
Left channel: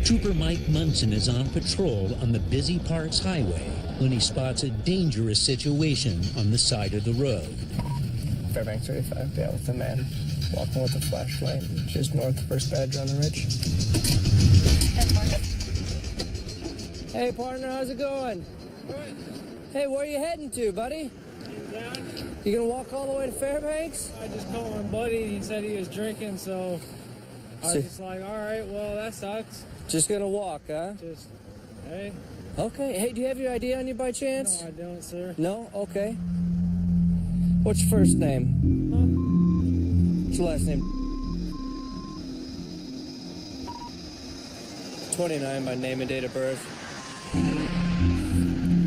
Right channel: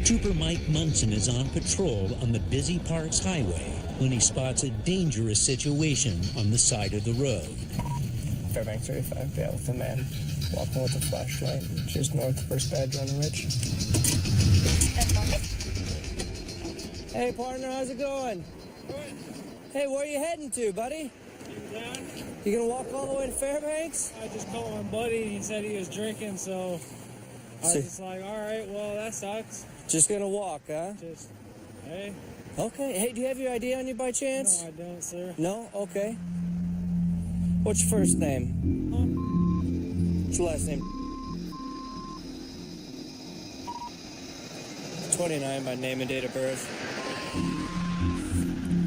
Trooper Mike Munson is on patrol on the busy Parks Highway when he spots a dangerous situation on the side of the road. Fairbanks 35, yeah, with a man walking with a flashlight just north of First Badger on the ridge. Hey, partner, how's it going? Good. Hey, where are you heading to, buddy? Down. You gonna walk all the way to Fairbanks? I just called my buddy. He said he was drinking, so I was just like, all right, well, that sucks. Just gonna walk, huh? Just, hey. Okay. Hey, do you have your ID on you by chance? No, I don't, sir. No? Okay. What's your first name? Huh? What's your last name? 29 by name and date of birth.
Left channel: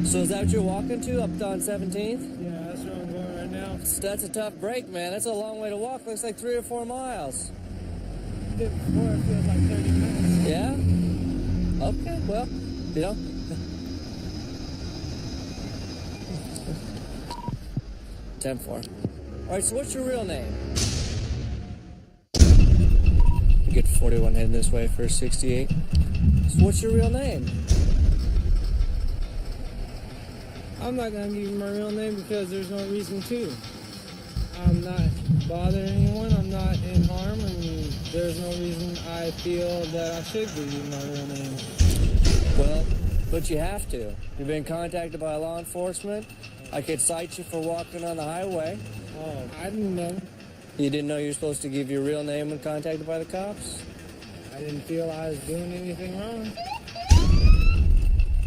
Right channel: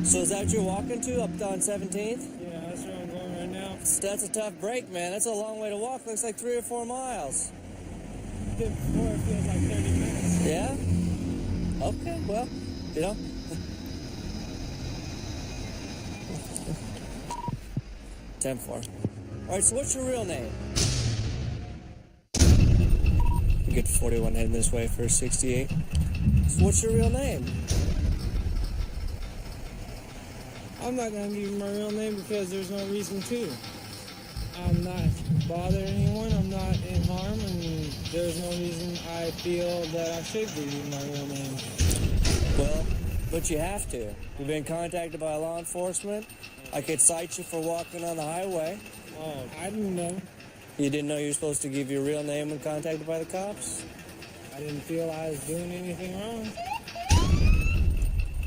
So is that what you're walking to, up on 17th? Yeah, that's where I'm going right now. That's a tough break, man. That's a long way to walk. Looks like 3 or 4 miles. Did before, it feels like 30 minutes. Yeah? Okay, well, you know. 10-4. All right, so what's your real name? You get 41 heading this way for 68. So what's your real name? I'm not going to give you my real name because there's no reason to. I'm not bothering anyone. I'm not in harm, and there's no reason I feel that I should give you my real name. Well, but you have to. You've been contacted by law enforcement. I could cite you for walking on the highway. Oh, I didn't know. You didn't know you were supposed to give your real name when contacted by the cops? I didn't feel I was doing anything wrong.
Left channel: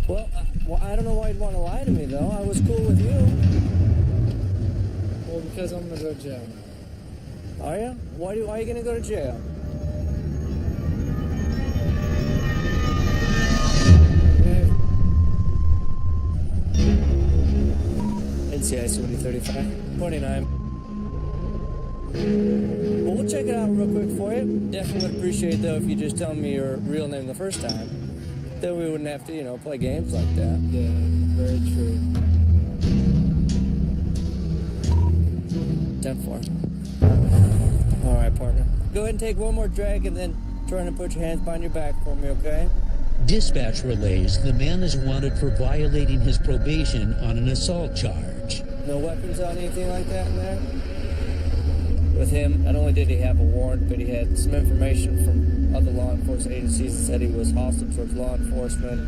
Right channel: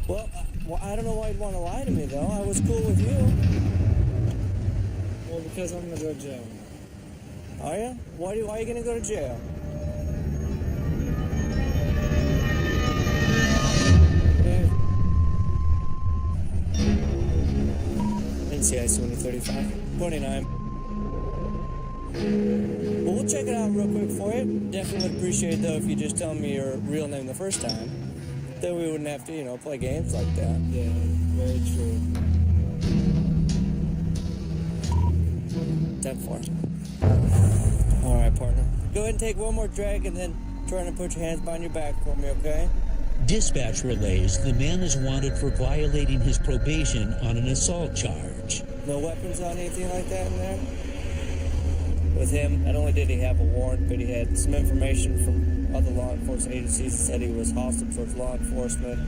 Well, I don't know why you'd want to lie to me, though. I was cool with you. Well, because I'm going to go to jail now. Are you? Why are you going to go to jail? Yeah. NCIC 2035. 29. Well, we'll check it out real quick for you. Definitely would appreciate, though, if you just tell me your real name the first time. Yeah. Then we wouldn't have to, play games like that. Yeah, very true. 10-4. All right, partner. Go ahead and take one more drag and then try to put your hands behind your back for me, okay? Dispatch relays the man is wanted for violating his probation on an assault charge. No weapons on anything like that in there? With him, not only did he have a warrant, but he had some information from other law enforcement agencies and said he was hostile towards law enforcement.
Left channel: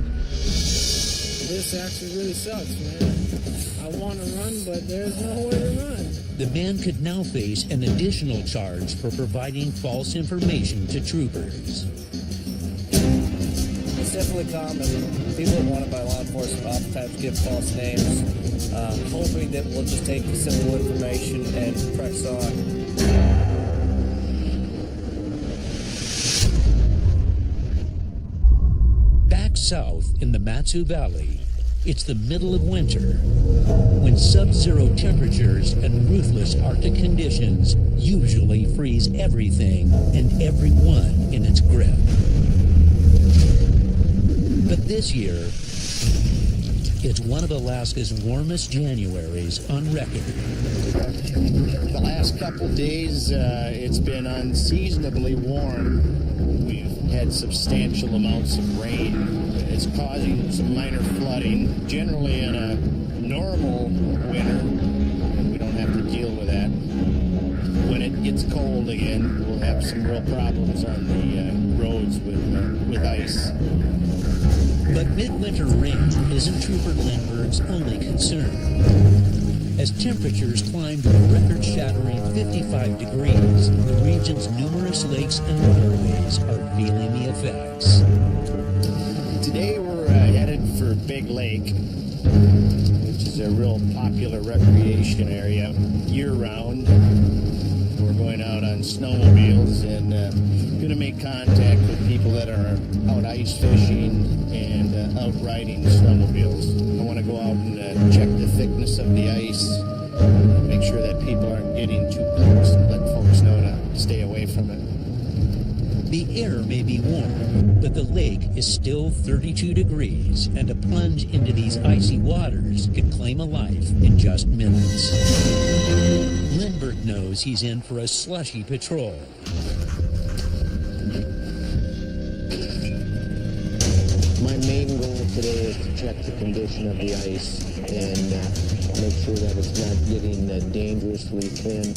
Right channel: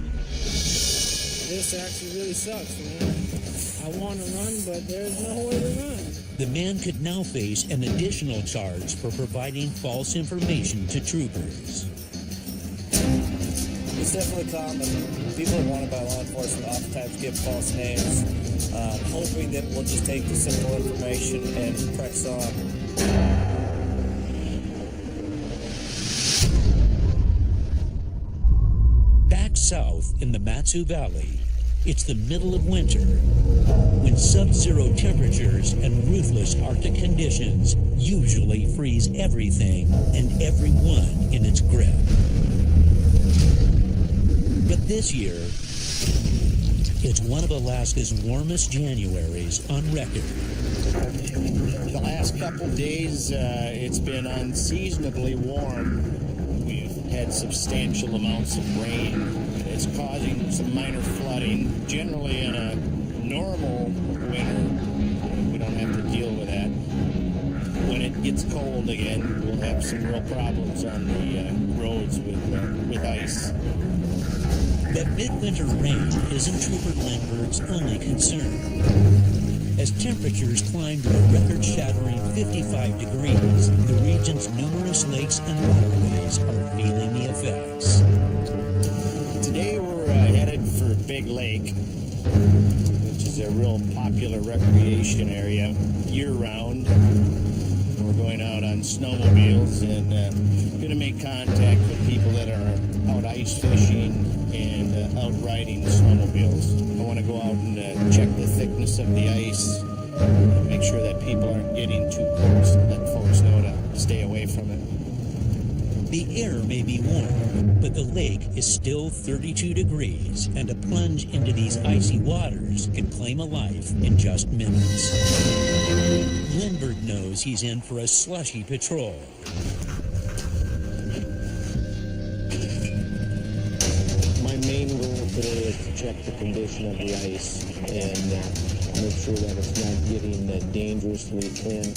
This actually really sucks, man. I want to run, but there's no way to run. The man could now face an additional charge for providing false information to troopers. It's definitely common. People that are wanted by law enforcement oftentimes give false names, hoping that we'll just take the simple information and press on. Back south in the Matsu Valley, it's the middle of winter, when sub-zero temperatures and ruthless Arctic conditions usually freeze everything and everyone in its grip. But this year, it's one of Alaska's warmest Januaries on record. The last couple days, it's been unseasonably warm. We've had substantial amounts of rain. It's causing some minor flooding. Generally, in a normal winter, we don't have to deal with that. When it gets cold again, we'll have some real problems on the roads with ice. But midwinter rain isn't Trooper Lindbergh's only concern. As temperatures climb to a record-shattering 55 degrees, the region's numerous lakes and waterways are feeling the effects. Today we're headed for Big Lake, which is a real popular recreation area year-round. We're going out on snowmobiles and going to make contact with people that are out ice fishing and out riding snowmobiles. I want to go out and check the thickness of the ice, make sure that people aren't getting too close, and let folks know to stay away from it. The air may be warm, but the lake is still 32 degrees, and a plunge into these icy waters can claim a life in just minutes. Lindbergh knows he's in for a slushy patrol. My main goal today is to check the condition of the ice and make sure that it's not getting dangerously thin.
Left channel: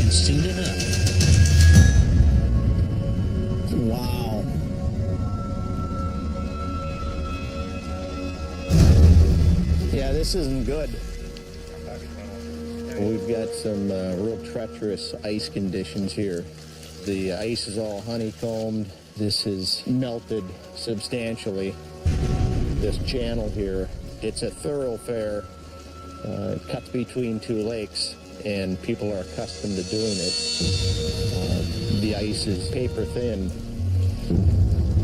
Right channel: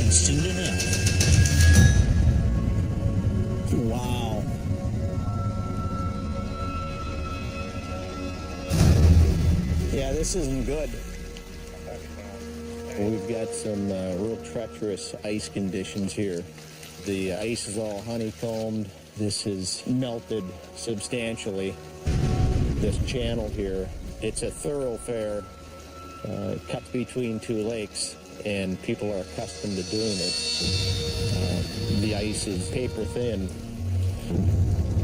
And soon enough, wow. Yeah, this isn't good. We've got some real treacherous ice conditions here. The ice is all honeycombed. This has melted substantially. This channel here, it's a thoroughfare. It cuts between two lakes, and people are accustomed to doing it. The ice is paper thin.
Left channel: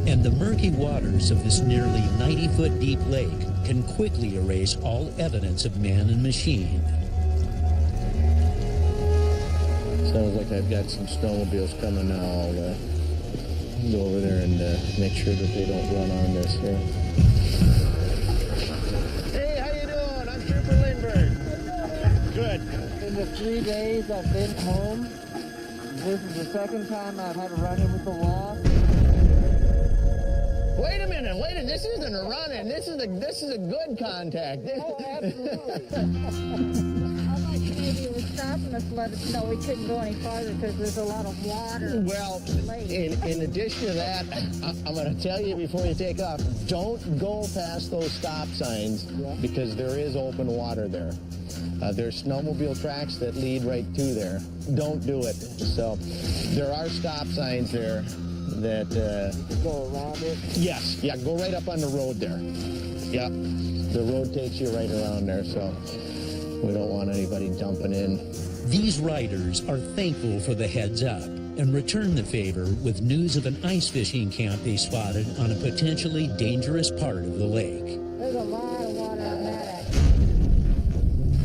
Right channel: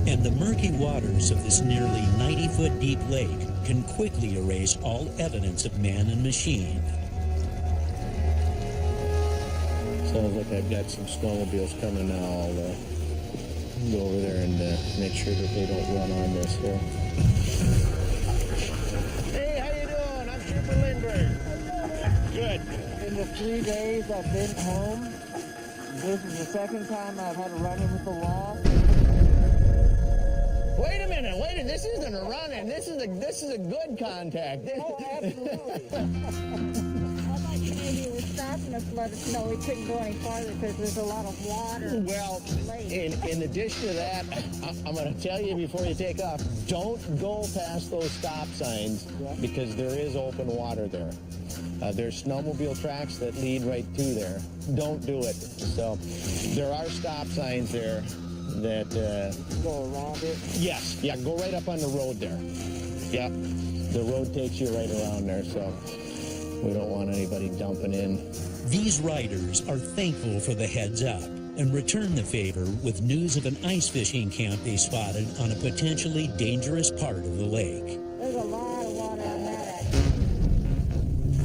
And the murky waters of this nearly 90-foot deep lake can quickly erase all evidence of man and machine. Sounds like I've got some snowmobiles coming now. I'll go over there and make sure that they don't run on this here. Hey, how you doing? I'm Trooper Lindbergh. How you doing, man? Good. In the 3 days I've been home, this is the second time I've had a run-in with the law. Wait a minute, this isn't a run-in, this is a good contact. Oh, absolutely. I thought you maybe were stopping us to let us know we couldn't go any farther because there's a lot of water. Well, in addition to that, I'm going to tell you before you take off, don't go past those stop signs because there is open water there. There's snowmobile tracks that lead right to there. Don't do it. So there are stop signs there that... You can go around it? Yes, yeah, go right up on the road there. Yeah, the road takes you right around there, so we don't want anybody dumping in. These riders are thankful for the heads up and return the favor with news of an ice fishing camp they spotted on a potentially dangerous part of the lake. There's a lot of water on that edge.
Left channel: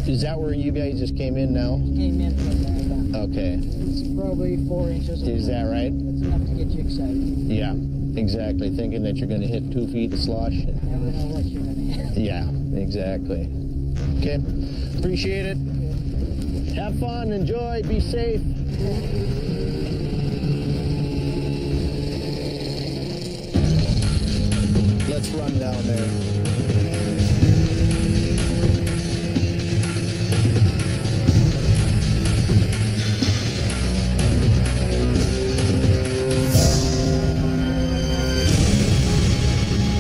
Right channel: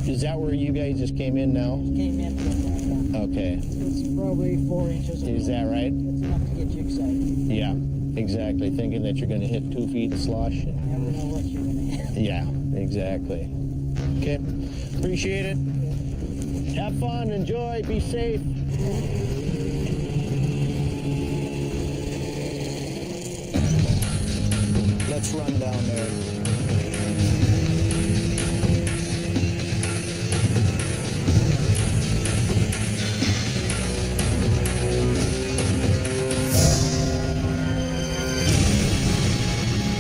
Is that where you guys just came in now? Came in from there, yeah. Okay. It's probably 4 inches. Is that right? That's enough to get you excited. Yeah, exactly. Thinking that you're going to hit 2 feet of slush. You never know what you're going to hit. Yeah, exactly. Okay, appreciate it. Have fun, enjoy, be safe. let's run down there.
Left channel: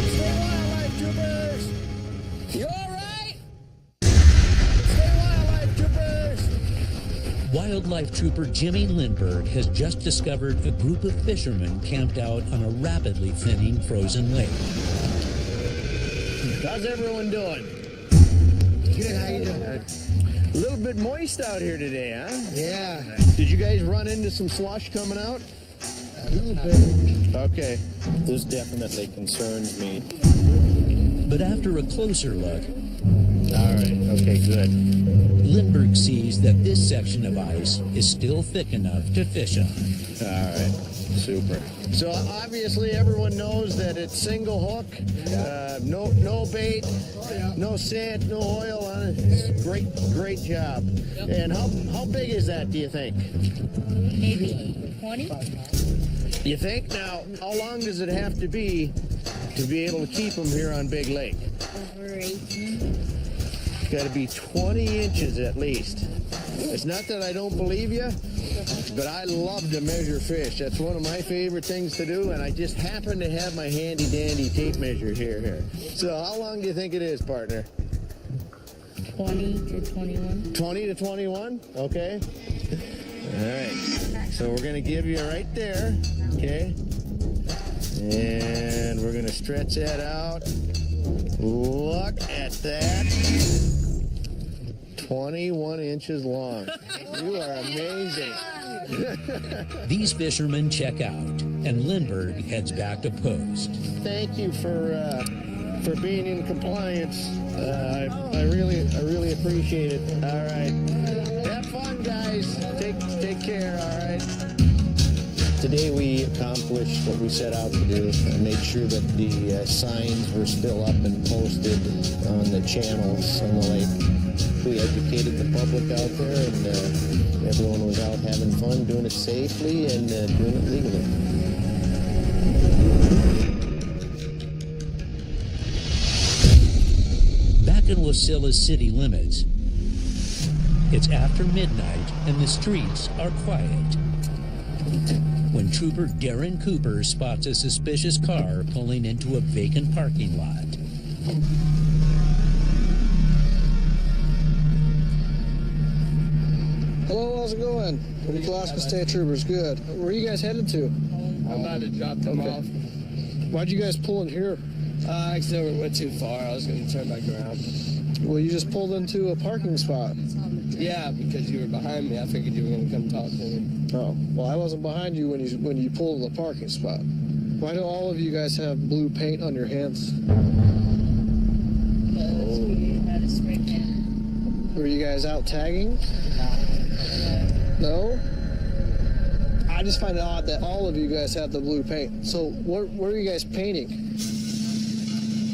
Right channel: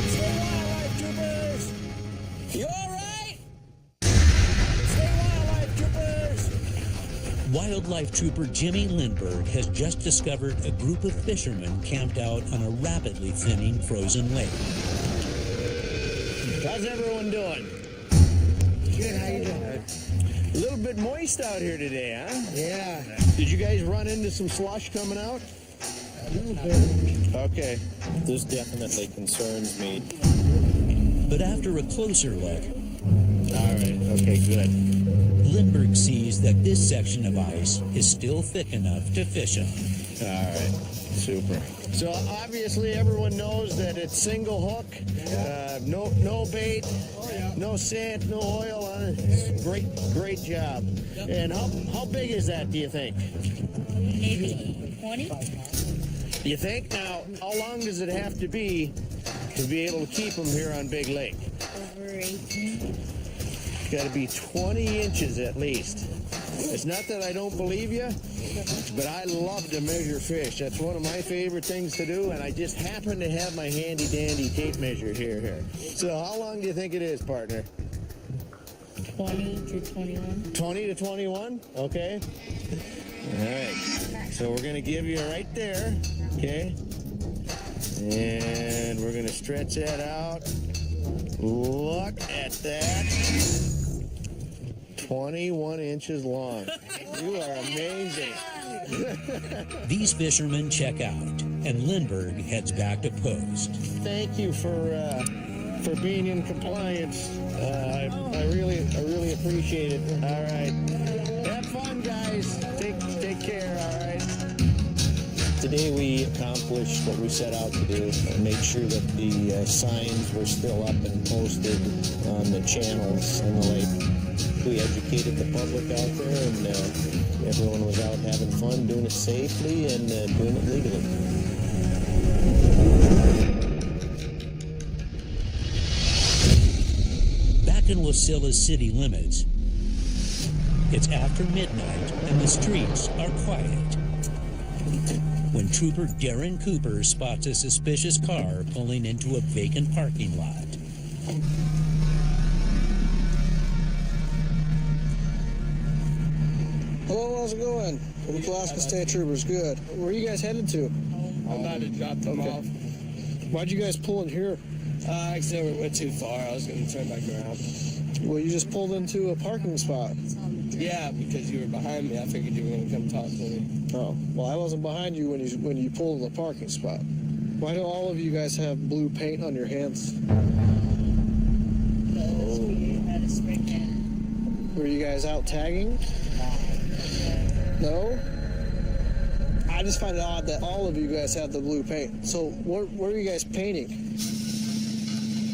Stay wildlife troopers! You all right? Stay wildlife troopers! Wildlife trooper Jimmy Lindbergh has just discovered a group of fishermen camped out on a rapidly thinning frozen lake. How's everyone doing? Good, how you doing? A little bit moist out here today, huh? Yeah. Did you guys run into some slush coming out? A little bit. Okay. This definitely concerns me. But after a closer look, All right. Okay, good. Lindbergh sees that this section of ice is still thick enough to fish on. All right. Super. So obviously everyone knows that it's single hook, no bait, no scent, no oil on it. It's great job. And how big is that, do you think? Maybe 20? You think? Now, how long does it have to be able to keep them here on Big Lake? Over 18. Got to be 20 inches at least. It's not that I don't believe you, but I love to measure fish. That's one of my favorite things to do, and I just happen to have my handy-dandy tape measure here. So how long do you think it is, partner? 20 to 21. 20 to 21? Okay. All right. So we're going to give you right there, okay? And we're going to stretch that out. Look at that. 21 inches long. You are amazing. These fishermen check out, and Lindbergh heads back to post. Thank you for being in compliance. I really appreciate it. All right. Have fun, guys. Take care, all right? Today we accomplished what we set out to do. Made sure that the signs were still up and posted on the channels on the lake. We educated the public out there, and everyone was out having fun, doing it safely and doing it legally. Back in Wasilla's city limits, it's after midnight and the streets are quiet when Trooper Darren Cooper spots a suspicious car pulling into a vacant parking lot. Hello, how's it going? Alaska State Troopers, good. Where are you guys headed to? I'm about to drop them off. Why'd you guys pull in here? I accidentally went too far. I was going to turn back around. Well, you just pulled into a parking spot. Yeah, because you were behind me. I figured you were going to come talk to me. Oh, well, I wasn't behind you when you pulled in the parking spot. Why do all of you guys have blue paint on your hands? Because we had a spray can. Were you guys out tagging? No? I just find it odd that all of you guys have the blue paint. So what are you guys painting?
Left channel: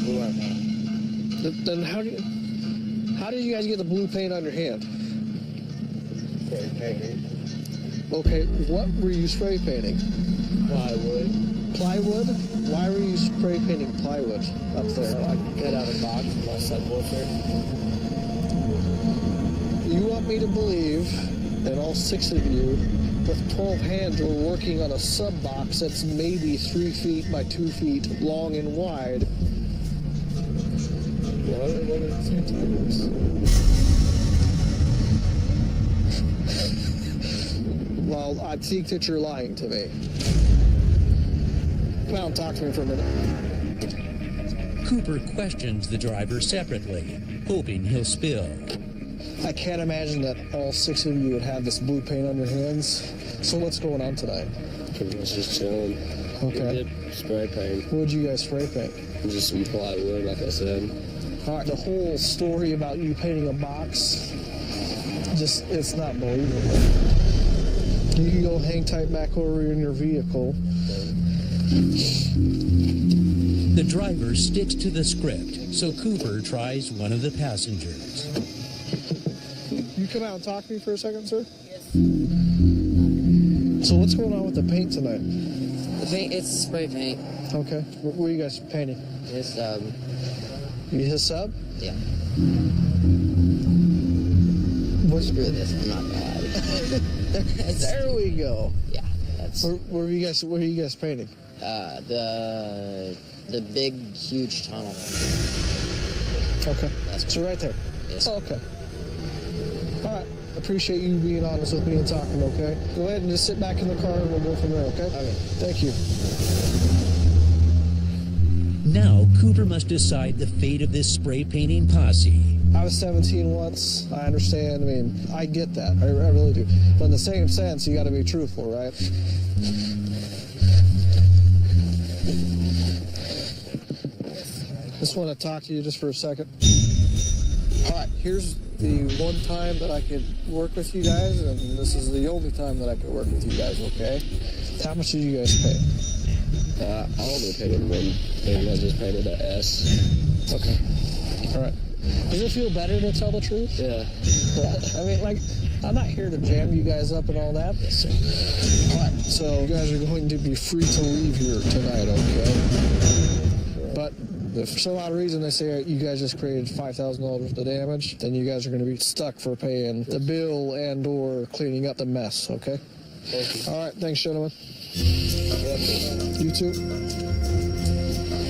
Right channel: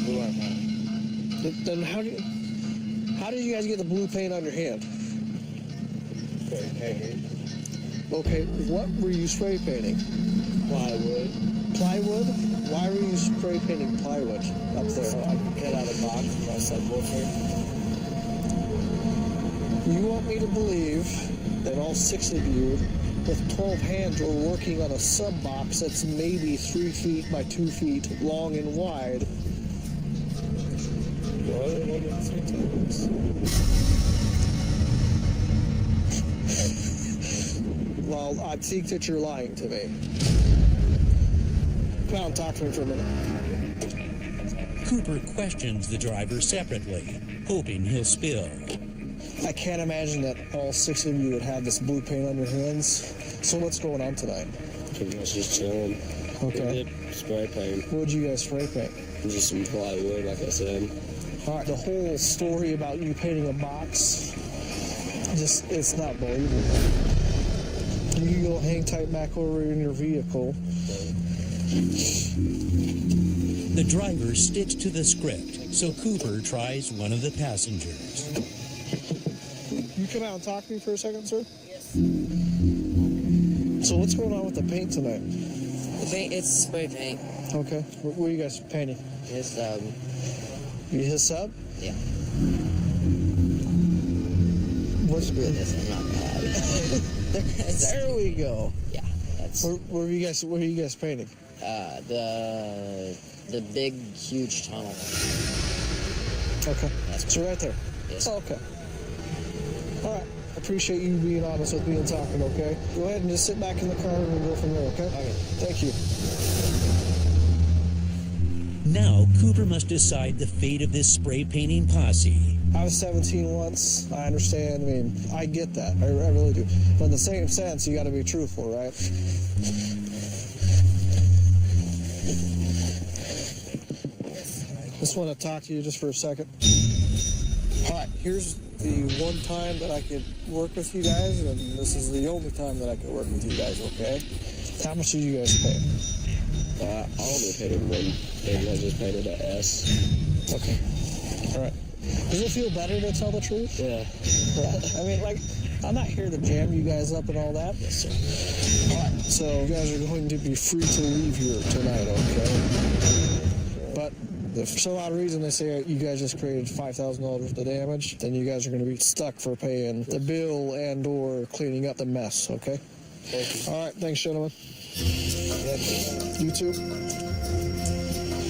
Blue paint. Then how did you guys get the blue paint on your hand? Okay, what were you spray painting? Plywood. Plywood? Why were you spray painting plywood up there? So I could cut out a box for my subwoofer. You want me to believe that all 6 of you with 12 hands were working on a sub box that's maybe 3 feet by 2 feet long and wide? Well, one at the same time. Well, I think that you're lying to me. Come out and talk to me for a minute. Cooper questions the driver separately, hoping he'll spill. I can't imagine that all 6 of you would have this blue paint on your hands. So what's going on tonight? Pretty much just chilling. Okay. We did spray paint. What would you guys spray paint? Just some plywood, like I said. All right. The whole story about you painting a box, it's not believable. You can go hang tight back over in your vehicle. The driver sticks to the script, so Cooper tries one of the passengers. You come out and talk to me for a second, sir? Yes. So what's going on with the paint tonight? The paint, it's spray paint. Okay. What are you guys painting? It's, His sub? yeah. What? Screw this, I'm not gonna lie. There we go. Yeah, that's... What are you guys painting? The big, huge tunnel. Okay. That's so right there. Yes. Oh, okay. All right. I appreciate you being honest with me and talking, okay? Go ahead and just sit back in the car and we'll go from there, okay? Okay. Thank you. Now, Cooper must decide the fate of this spray painting posse. I was 17 once. I understand. I mean, I get that. I really do. But in the same sense, you got to be truthful, right? Just want to talk to you just for a second. All right, here's the one time that I could work with you guys, and this is the only time that I could work with you guys, okay? How much did you guys pay? I only painted one thing. I just painted an S. Okay. All right. Does it feel better to tell the truth? Yeah. Yeah. I mean, like, I'm not here to jam you guys up and all that. Yes, sir. All right. So you guys are going to be free to leave here tonight, okay? But if for some odd reason they say you guys just created $5,000 worth of damage, then you guys are going to be stuck for paying the bill and or cleaning up the mess, okay? Thank you. All right. Thanks, gentlemen. Yeah, you too.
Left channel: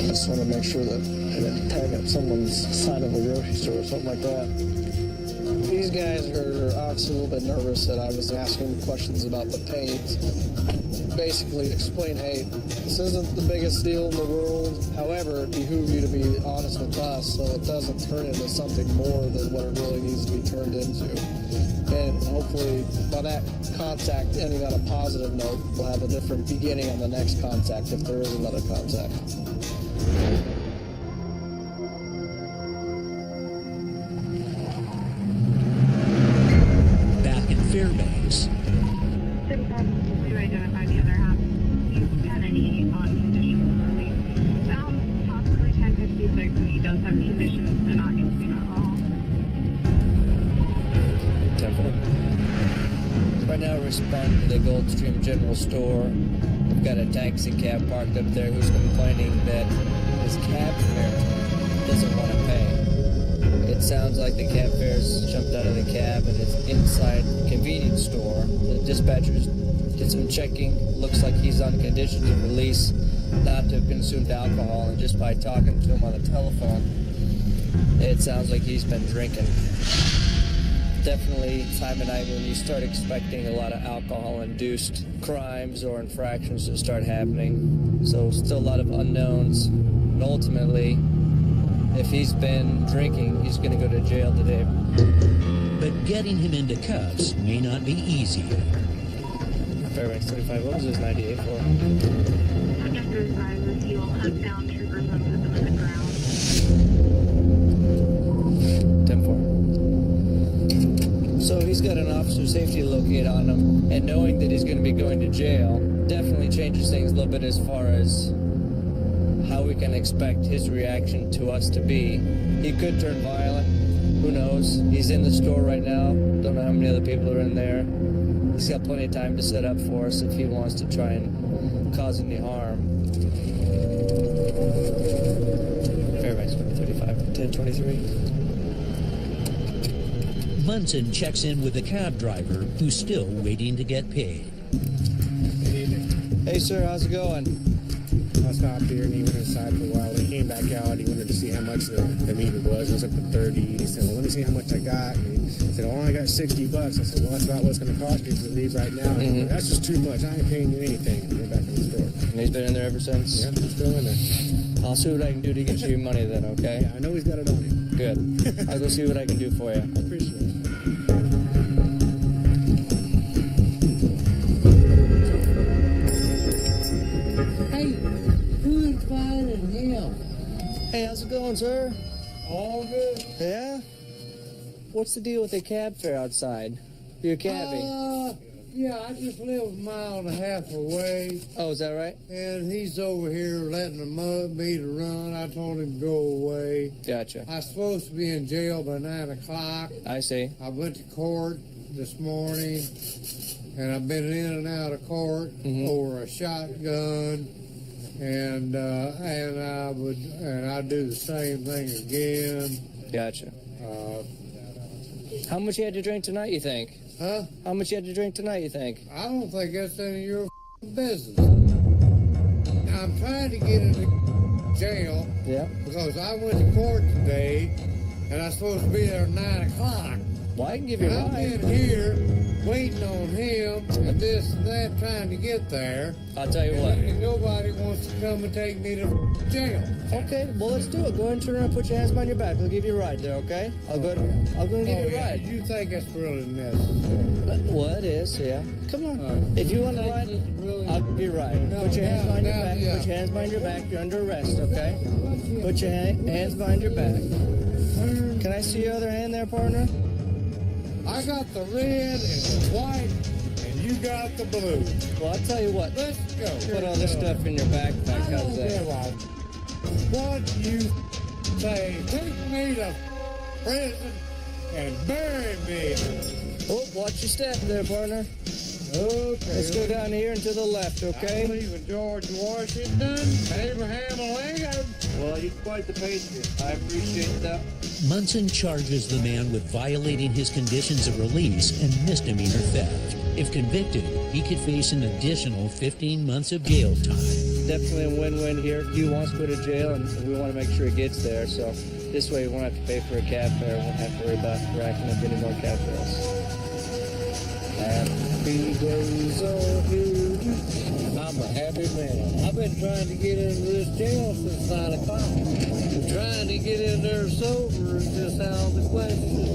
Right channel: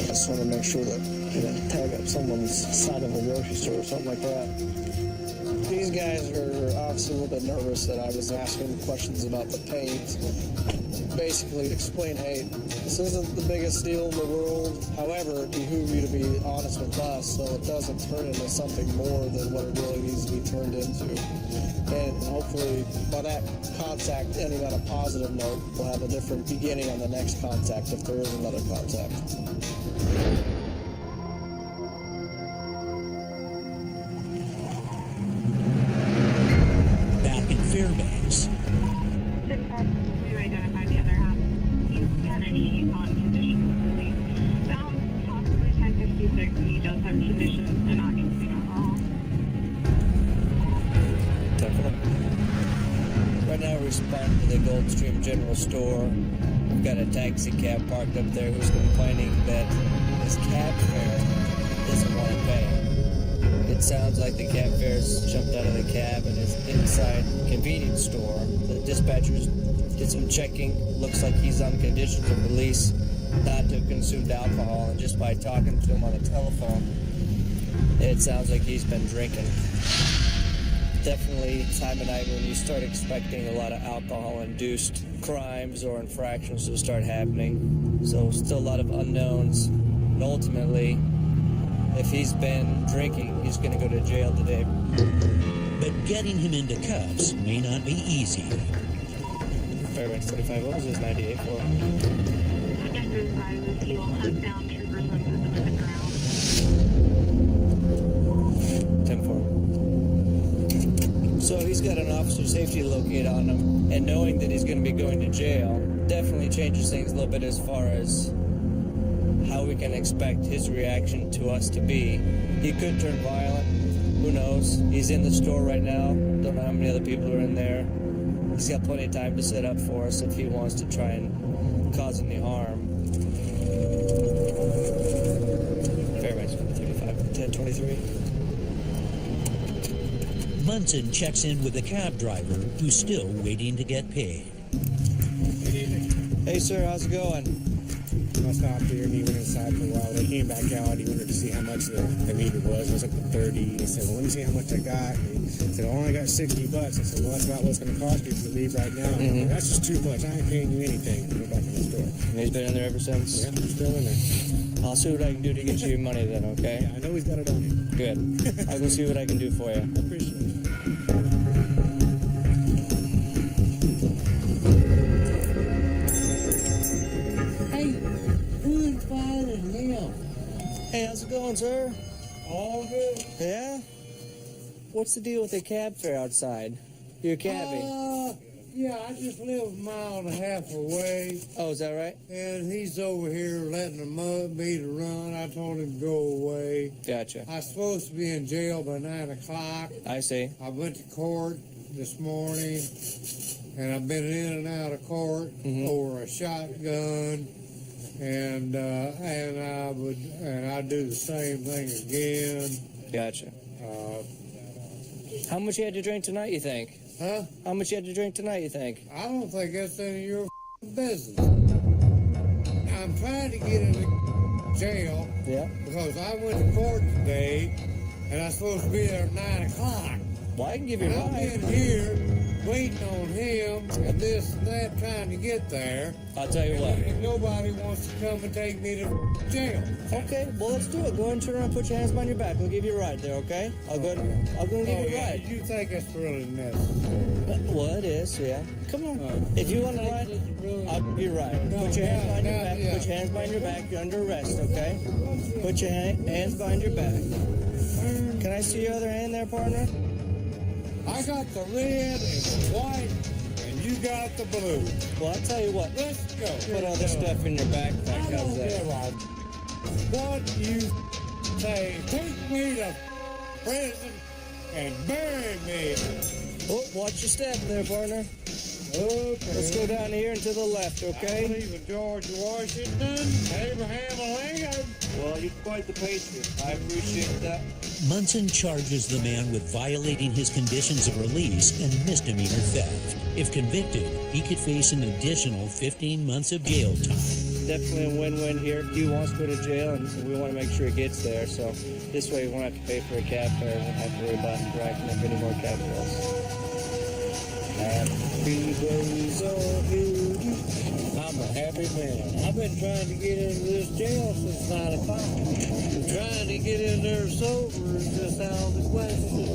I just want to make sure that I didn't tag up someone's side of a grocery store or something like that. These guys are obviously a little bit nervous that I was asking them questions about the paint. Basically explain, hey, this isn't the biggest deal in the world. However, it behooves you to be honest with us so it doesn't turn into something more than what it really needs to be turned into. And hopefully by that contact ending on a positive note, we'll have a different beginning on the next contact if there is another contact. Back in Fairbanks. In fact, we've identified the other half. He's Kennedy on conditions of release. Found possibly 1056, and he does have conditions to not consume alcohol. 10-4. Right now, we're responding to the Goldstream General Store. We've got a taxi cab parked up there who's complaining that his cab fare doesn't want to pay. It sounds like the cab fare's jumped out of the cab and is inside a convenience store. The dispatchers did some checking. Looks like he's on conditions of release not to have consumed alcohol, and just by talking to him on the telephone, it sounds like he's been drinking. Definitely time of night when you start expecting a lot of alcohol-induced crimes or infractions to start happening. So still a lot of unknowns. And ultimately, if he's been drinking, he's going to go to jail today. But getting him into cuffs may not be easy. Fairbanks 35, what was this 98 for? Subject advises he will hunt down troopers and put them in the ground. 10-4. So he's got an officer safety locate on him, and knowing that he's going to be going to jail definitely changes things a little bit as far as how we can expect his reaction to us to be. He could turn violent. Who knows? He's in the store right now. Don't know how many other people are in there. He's got plenty of time to set up for us if he wants to try and cause any harm. Fairbanks 2035, 1023. Munson checks in with the cab driver, who's still waiting to get paid. Hey, sir, how's it going? I stopped here and he went inside for a while. When he came back out, he wanted to see how much the meter was. I was up to 30. And he said, well, let me see how much I got. And he said, oh, I only got $60. I said, well, that's about what it's going to cost you if you leave right now. And he said, that's just too much. I ain't paying you anything. And went back in the store. And he's been in there ever since? Yeah, he's still in there. I'll see what I can do to get you your money then, okay? Yeah, I know he's got it on him. Good. I'll go see what I can do for you. I appreciate it. Hey, who invited him? Hey, how's it going, sir? All good. Yeah? What's the deal with the cab fare outside? You're a cabbie. Yeah, I just live a mile and a half away. Oh, is that right? And he's over here letting the meter run. I told him to go away. Gotcha. I was supposed to be in jail by 9 o'clock. I see. I went to court. this morning, and I've been in and out of court over a shotgun, and I'd do the same thing again. Gotcha. How much you had to drink tonight, you think? Huh? How much you had to drink tonight, you think? I don't think that's any of your business. I'm trying to get into jail because I went to court today, and I'm supposed to be there at 9 o'clock. Well, I can give you a ride. I've been here waiting on him and this and that, trying to get there. I'll tell you what. And nobody wants to come and take me to jail. Okay, well, let's do it. Go ahead and turn around and put your hands behind your back. I'll give you a ride there, okay? I'll go and give you a ride. You think that's really necessary? Well, it is, yeah. Come on. If you want to ride, I'll give you a ride. Put your hands behind your back. Put your hands behind your back. You're under arrest, okay? Put your hands behind your back. Can I see your other hand there, partner? I got the red and the white, and you got the blue. Well, I'll tell you what. Let's go. Put all this stuff in your backpack. I don't give a what you say. Take me to prison and bury me. Oh, watch your step there, partner. Okay. Let's go down here and to the left, okay? I believe in George Washington, Abraham Lincoln. Well, you're quite the patriot. I appreciate that. Munson charges the man with violating his conditions of release and misdemeanor theft. If convicted, he could face an additional 15 months of jail time. Definitely a win-win here. Hugh wants to go to jail, and we want to make sure he gets there. So this way, we won't have to pay for a cab fare. We won't have to worry about racking up any more cab bills. Happy days are here. I'm a happy man. I've been trying to get into this jail since 9 o'clock. And trying to get in there sober is just out of the question.